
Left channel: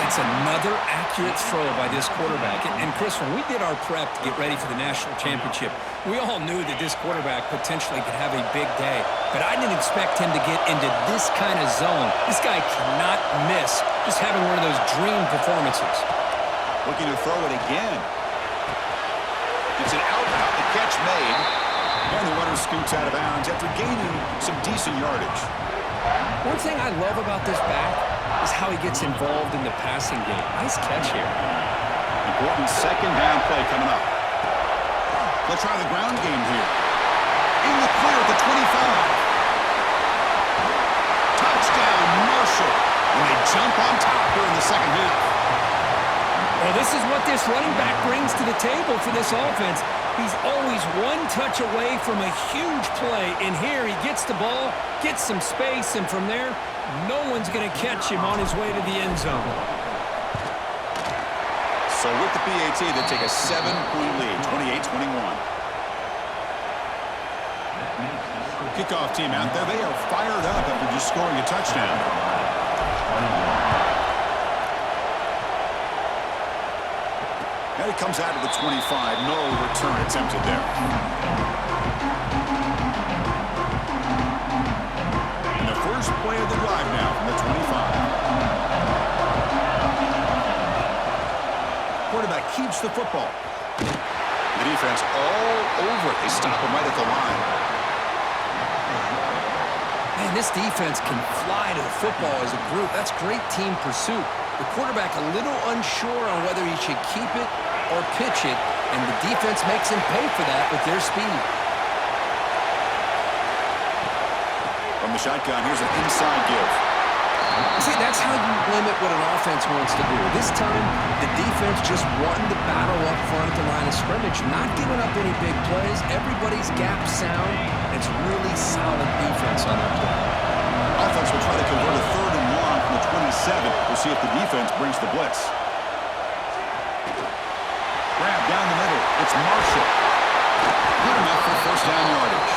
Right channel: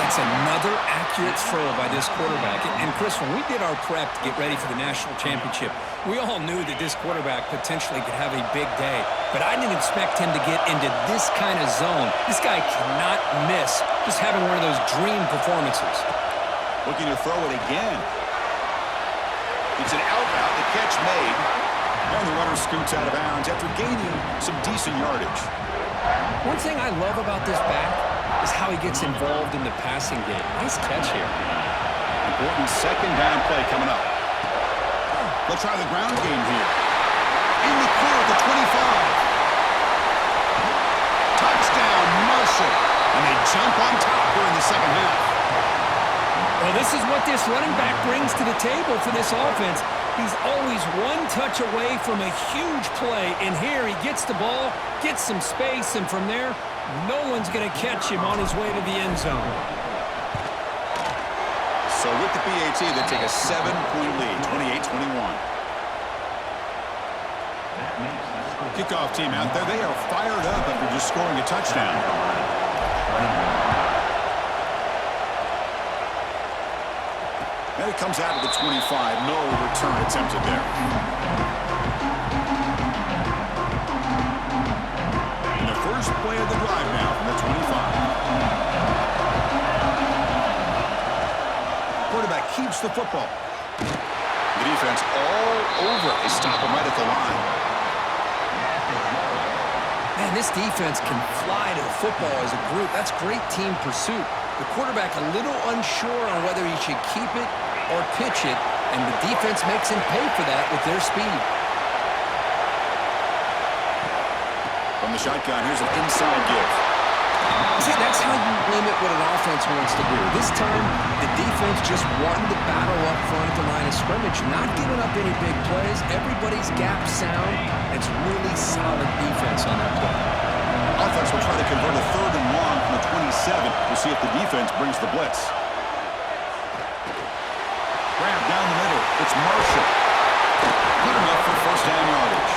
That's another accurate throw by this quarterback. And Chris, when we did our prep to get ready for the national championship, we all knew that this quarterback potentially could have a big day. But I didn't expect him to get into this kind of zone. This guy cannot miss just having one of those dream performances. Looking to throw it again. It's an out route. The catch made. And the runner scoots out of bounds after gaining some decent yardage. One thing I love about this back is how he gets involved in the passing game. Nice catch here. Important 2nd down play coming up. They'll try the ground game here. In the clear at the 25. Touchdown, Marshall. And they jump on top here in the 2nd half. Well, this is what this running back brings to the table for this offense. He's always one touch away from a huge play. And here he gets the ball, gets some space, and from there, no one's going to catch him on his way to the end zone. So with the PAT, they take a 7-point lead, 28-21. Kickoff team out there. They are fired up after just scoring a touchdown. And it comes out of the 25. No return attempted there. And the first play of the drive now from the 25. Quarterback keeps the football. The defense all over it. They stop him right at the line. Man, this defense can fly to the football as a group. That's great team pursuit. The quarterback a little unsure on whether he should keep it or pitch it, and the defense makes him pay for that with their speed. From the shotgun, here's an inside give. See, that's how you limit what an offense wants to do. This time, the defense just won the battle up front at the line of scrimmage, not giving up any big plays. Everybody's gap sound. It's really solid defense on that play. Offense will try to convert a 3rd and long from the 27. We'll see if the defense brings the blitz. Grab down the middle. It's Marshall. Good enough for first down yardage.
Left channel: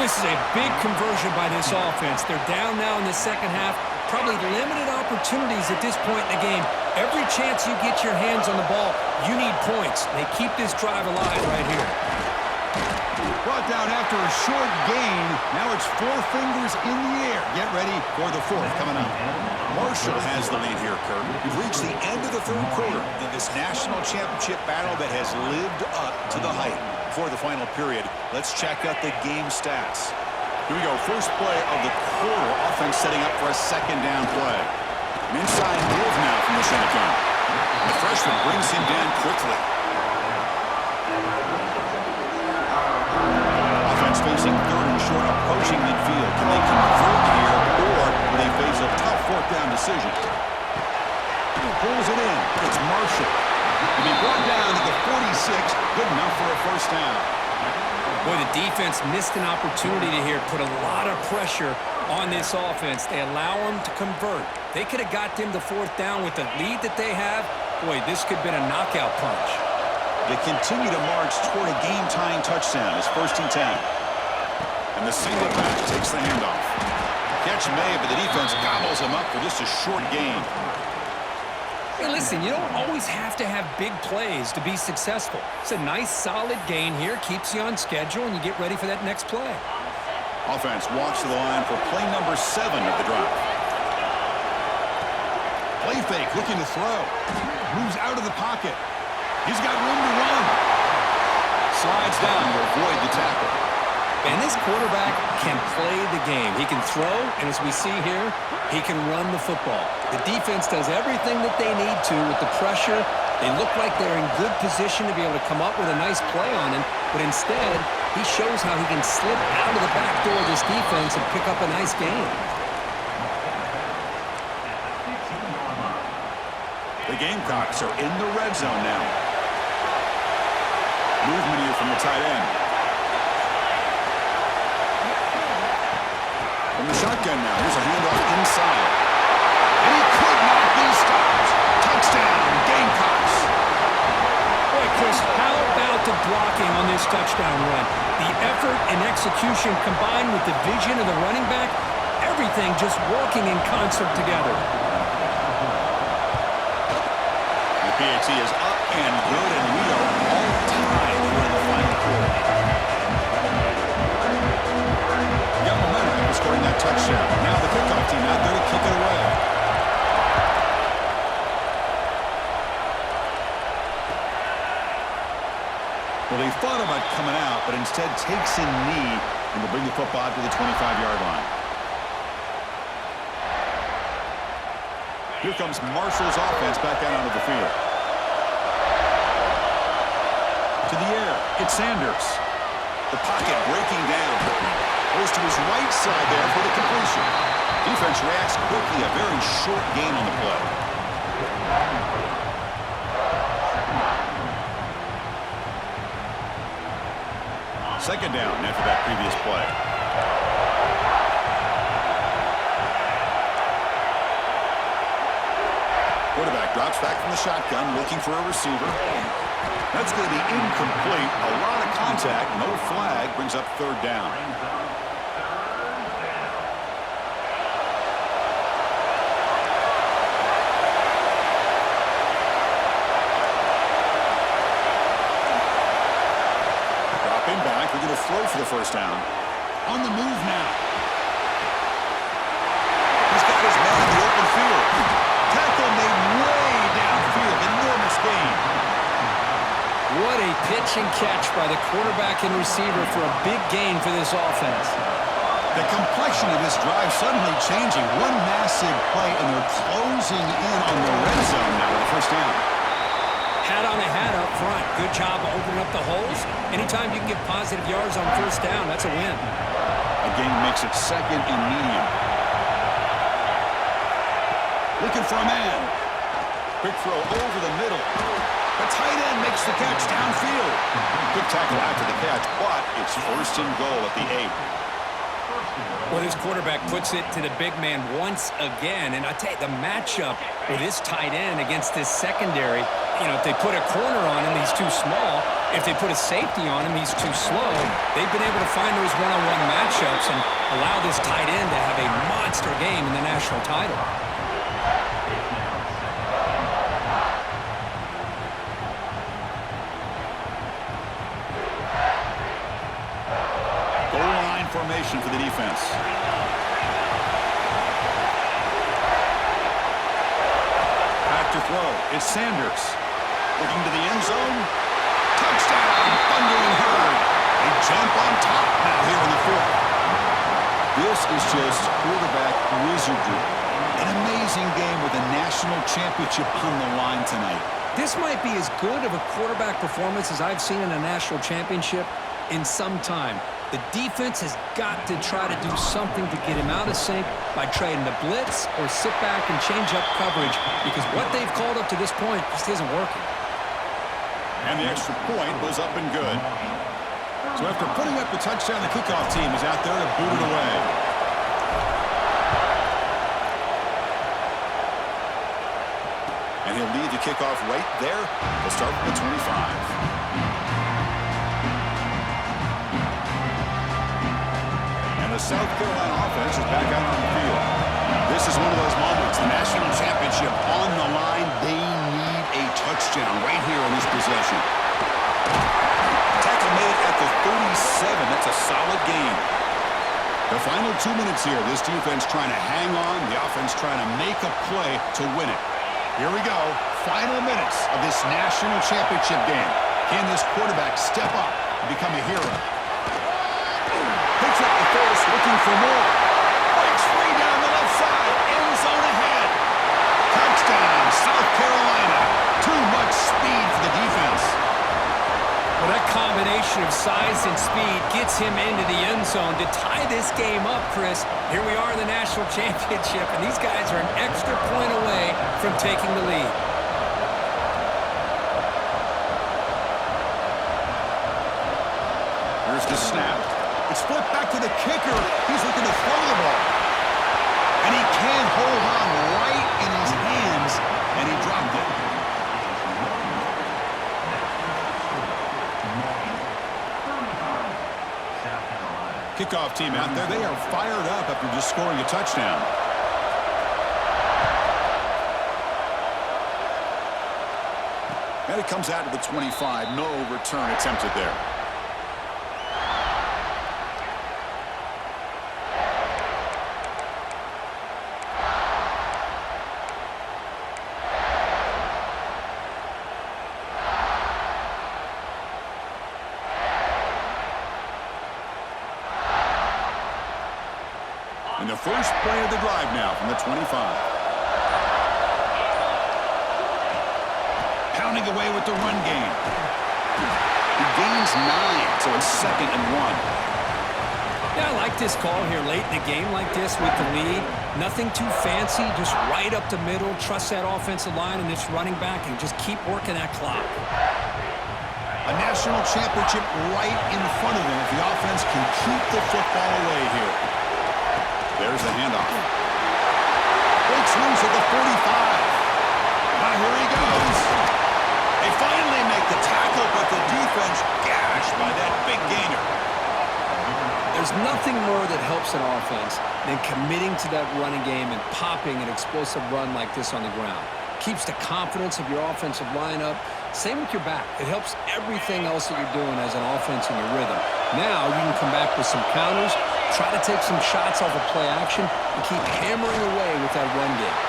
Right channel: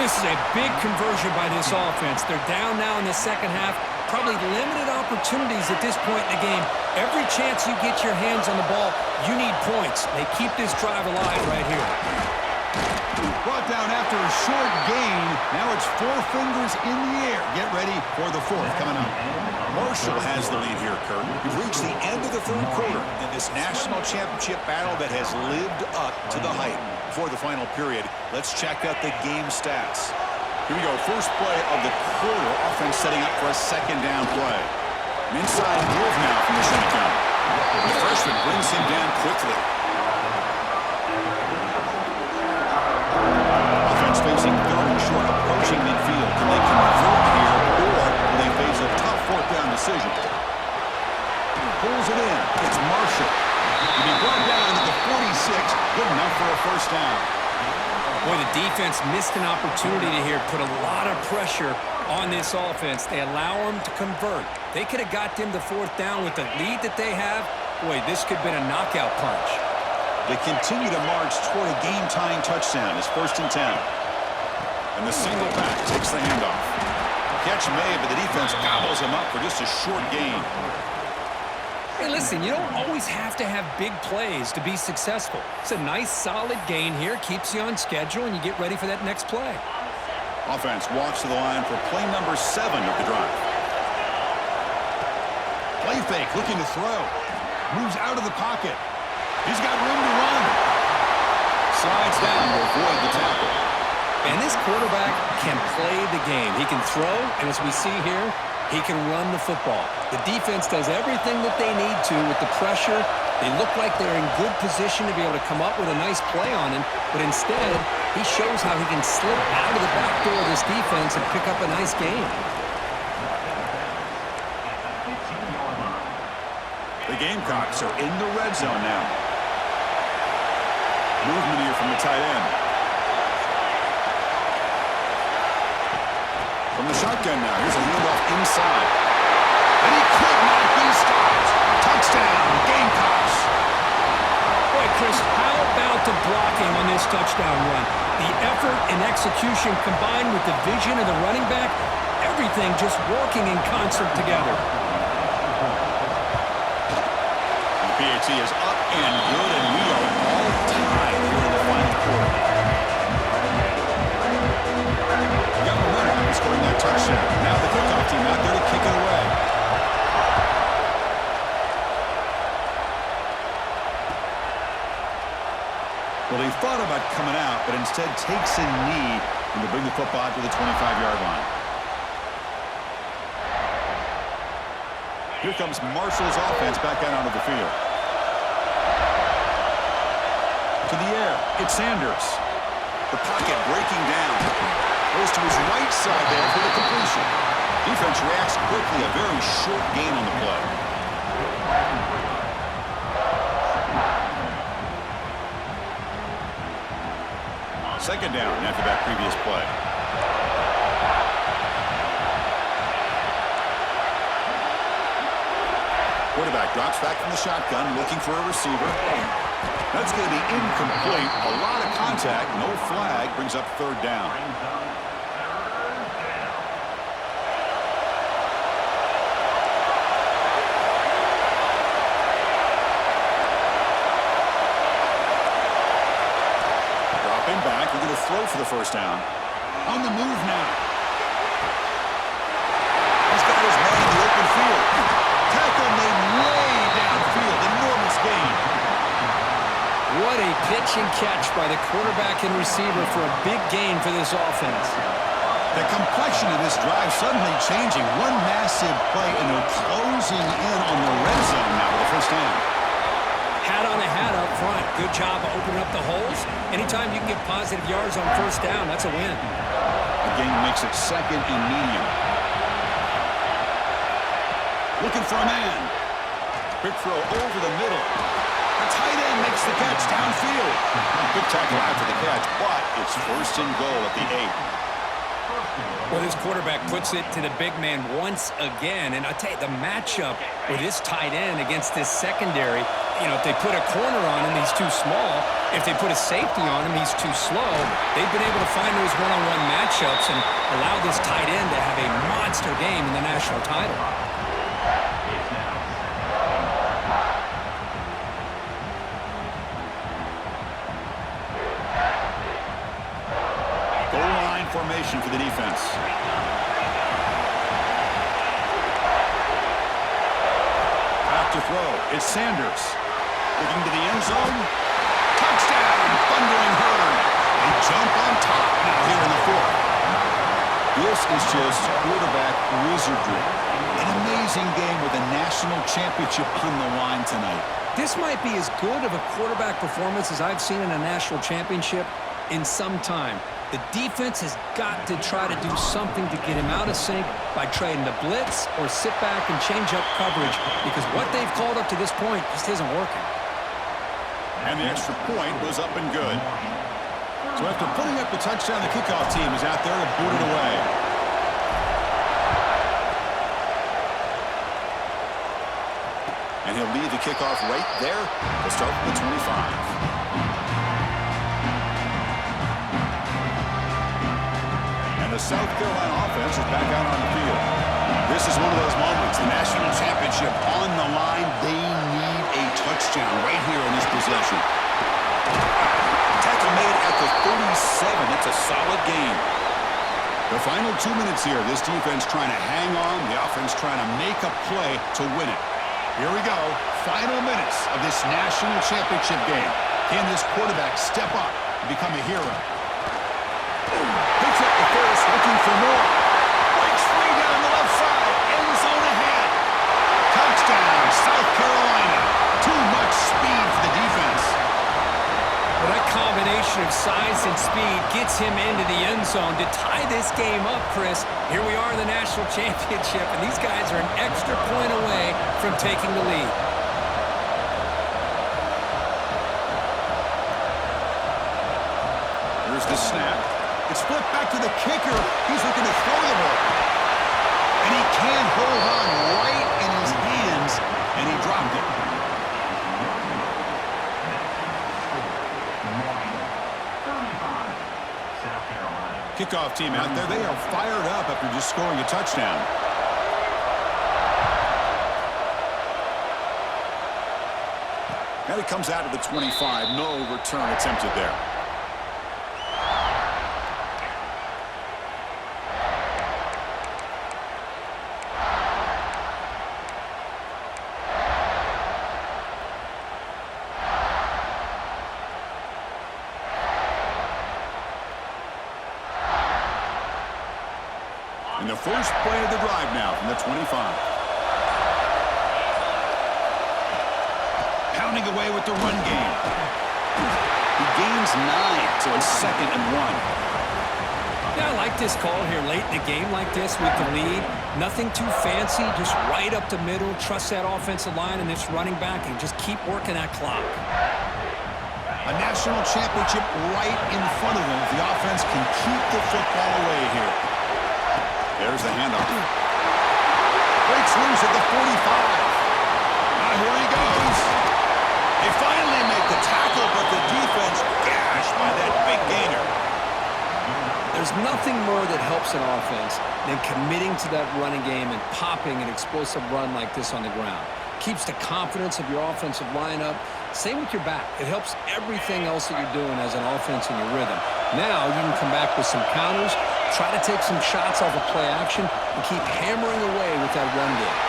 This is a big conversion by this offense. They're down now in the second half. Probably limited opportunities at this point in the game. Every chance you get your hands on the ball, you need points. They keep this drive alive right here. Brought down after a short gain. Now it's 4 fingers in the air. Get ready for the 4th coming up. Marshall has the lead here, Kurt. We've reached the end of the 3rd quarter in this national championship battle that has lived up to the hype. Before the final period, let's check out the game stats. Here we go. First play of the quarter. Offense setting up for a 2nd down play. An inside move now from the shotgun. The freshman brings him down quickly. Offense facing 3rd and short, approaching midfield. Can they convert here, or will they face a tough 4th down decision? Pulls it in. It's Marshall. To be brought down to the 46, good enough for a first down. Boy, the defense missed an opportunity to here put a lot of pressure on this offense. They allow them to convert. They could have got them the 4th down with the lead that they have. Boy, this could have been a knockout punch. They continue to march toward a game-tying touchdown. It's 1st and 10. And the single back takes the handoff. Catch made, but the defense gobbles him up for just a short gain. Hey, listen, you don't always have to have big plays to be successful. It's a nice, solid gain here. Keeps you on schedule, and you get ready for that next play. Offense walks to the line for play number 7 of the drive. Play fake, looking to throw. Moves out of the pocket. He's got room to run. Slides down to avoid the tackle. And this quarterback can play the game. He can throw, and as we see here, he can run the football. The defense does everything that they need to with the pressure. They look like they're in good position to be able to come up with a nice play on him, but instead, he shows how he can slip out of the back door of this defense and pick up a nice gain. The Gamecocks are in the red zone now. Movement here from the tight end. From the shotgun now, here's a handoff inside. And he could not be stopped. Touchdown, Gamecocks. Boy, Chris, how about the blocking on this touchdown run? The effort and execution combined with the vision of the running back, everything just working in concert together. The PAT is up and good, and we are all tied here in the final quarter. Got momentum after scoring that touchdown. Now the kickoff team out there to kick it away. Well, they thought about coming out, but instead takes a knee and to bring the football to the 25-yard line. Here comes Marshall's offense back out onto the field. To the air, it's Sanders. The pocket breaking down. Goes to his right side there for the completion. Defense reacts quickly, a very short gain on the play. Second down after that previous play. Quarterback drops back from the shotgun, looking for a receiver. That's going to be incomplete. A lot of contact, no flag, brings up 3rd down. Dropping back, we're going to throw for the first down. On the move now. He's got his man in the open field. Tackle made way downfield. Enormous gain. What a pitch and catch by the quarterback and receiver for a big gain for this offense. The complexion of this drive suddenly changing. One massive play, and they're closing in on the red zone now with a first down. Hat on a hat up front. Good job of opening up the holes. Anytime you can get positive yards on first down, that's a win. Again, makes it 2nd and medium. Looking for a man. Quick throw over the middle. The tight end makes the catch downfield. Quick tackle after the catch, but it's first and goal at the 8. Well, this quarterback puts it to the big man once again. And I tell you, the matchup with this tight end against this secondary, if they put a corner on him, he's too small. If they put a safety on him, he's too slow. They've been able to find those one-on-one matchups and allow this tight end to have a monster game in the national title. Formation for the defense. Back to throw. It's Sanders. Looking to the end zone. Touchdown! Thundering herd. They jump on top now here in the 4th. This is just quarterback wizardry. An amazing game with a national championship on the line tonight. This might be as good of a quarterback performance as I've seen in a national championship in some time. The defense has got to try to do something to get him out of sync by trading the blitz or sit back and change up coverage, because what they've called up to this point just isn't working. And the extra point was up and good. So after putting up the touchdown, the kickoff team is out there to boot it away. And he'll lead the kickoff right there. He'll start from the 25. The South Carolina offense is back out on the field. This is one of those moments, the national championship on the line. They need a touchdown right here in this possession. Tackle made at the 37. That's a solid gain. The final 2 minutes here. This defense trying to hang on. The offense trying to make a play to win it. Here we go. Final minutes of this national championship game. Can this quarterback step up and become a hero? Picks up the first, looking for more. Breaks free down the left side. End zone ahead. Touchdown, South Carolina. Too much speed for the defense. Well, that combination of size and speed gets him into the end zone to tie this game up, Chris. Here we are in the national championship, and these guys are an extra point away from taking the lead. Here's the snap. It's flipped back to the kicker. He's looking to throw the ball. And he can't hold on right in his hands, and he dropped it. Kickoff team out there. They are fired up after just scoring a touchdown. And it comes out of the 25. No return attempted there. And the first play of the drive now from the 25. Pounding away with the run game. He gains 9, so it's 2nd and 1. Yeah, I like this call here late in the game like this with the lead. Nothing too fancy, just right up the middle. Trust that offensive line and this running back and just keep working that clock. A national championship right in front of them if the offense can keep the football away here. There's the handoff. Breaks loose at the 45. Now here he goes. They finally make the tackle, but the defense gashed by that big gainer. There's nothing more that helps an offense than committing to that running game and popping an explosive run like this on the ground. Keeps the confidence of your offensive lineup. Same with your back. It helps everything else that you're doing as an offense in your rhythm. Now you can come back with some counters, try to take some shots off of play action, and keep hammering away with that run game.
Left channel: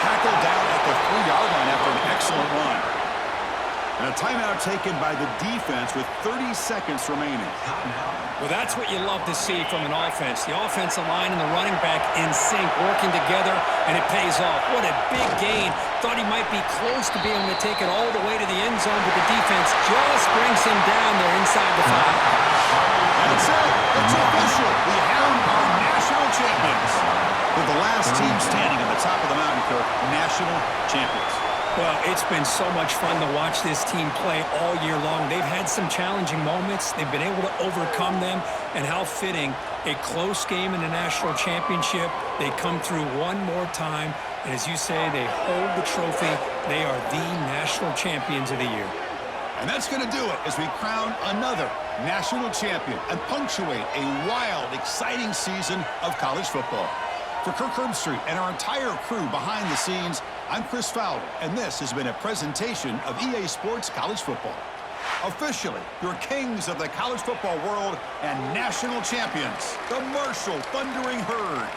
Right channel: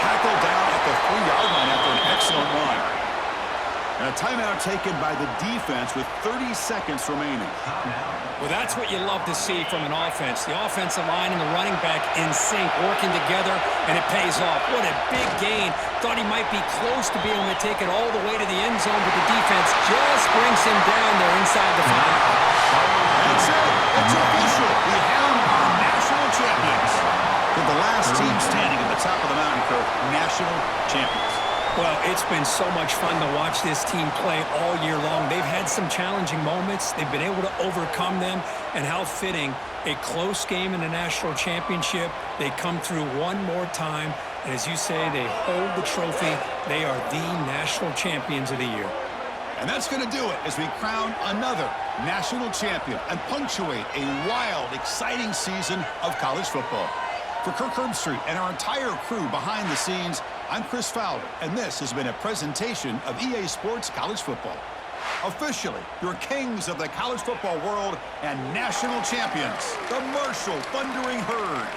Tackle down at the 3-yard line after an excellent run. And a timeout taken by the defense with 30 seconds remaining. Well, that's what you love to see from an offense. The offensive line and the running back in sync, working together, and it pays off. What a big gain. Thought he might be close to being able to take it all the way to the end zone, but the defense just brings him down there inside the 5. That's it. It's official. We have our national champions. They're the last team standing at the top of the mountain, Kirk, national champions. Well, it's been so much fun to watch this team play all year long. They've had some challenging moments. They've been able to overcome them. And how fitting, a close game in the national championship. They come through one more time. And as you say, they hold the trophy. They are the national champions of the year. And that's going to do it as we crown another national champion and punctuate a wild, exciting season of college football. For Kirk Herbstreit and our entire crew behind the scenes, I'm Chris Fowler, and this has been a presentation of EA Sports College Football. Officially, your kings of the college football world and national champions, the Marshall Thundering Herd.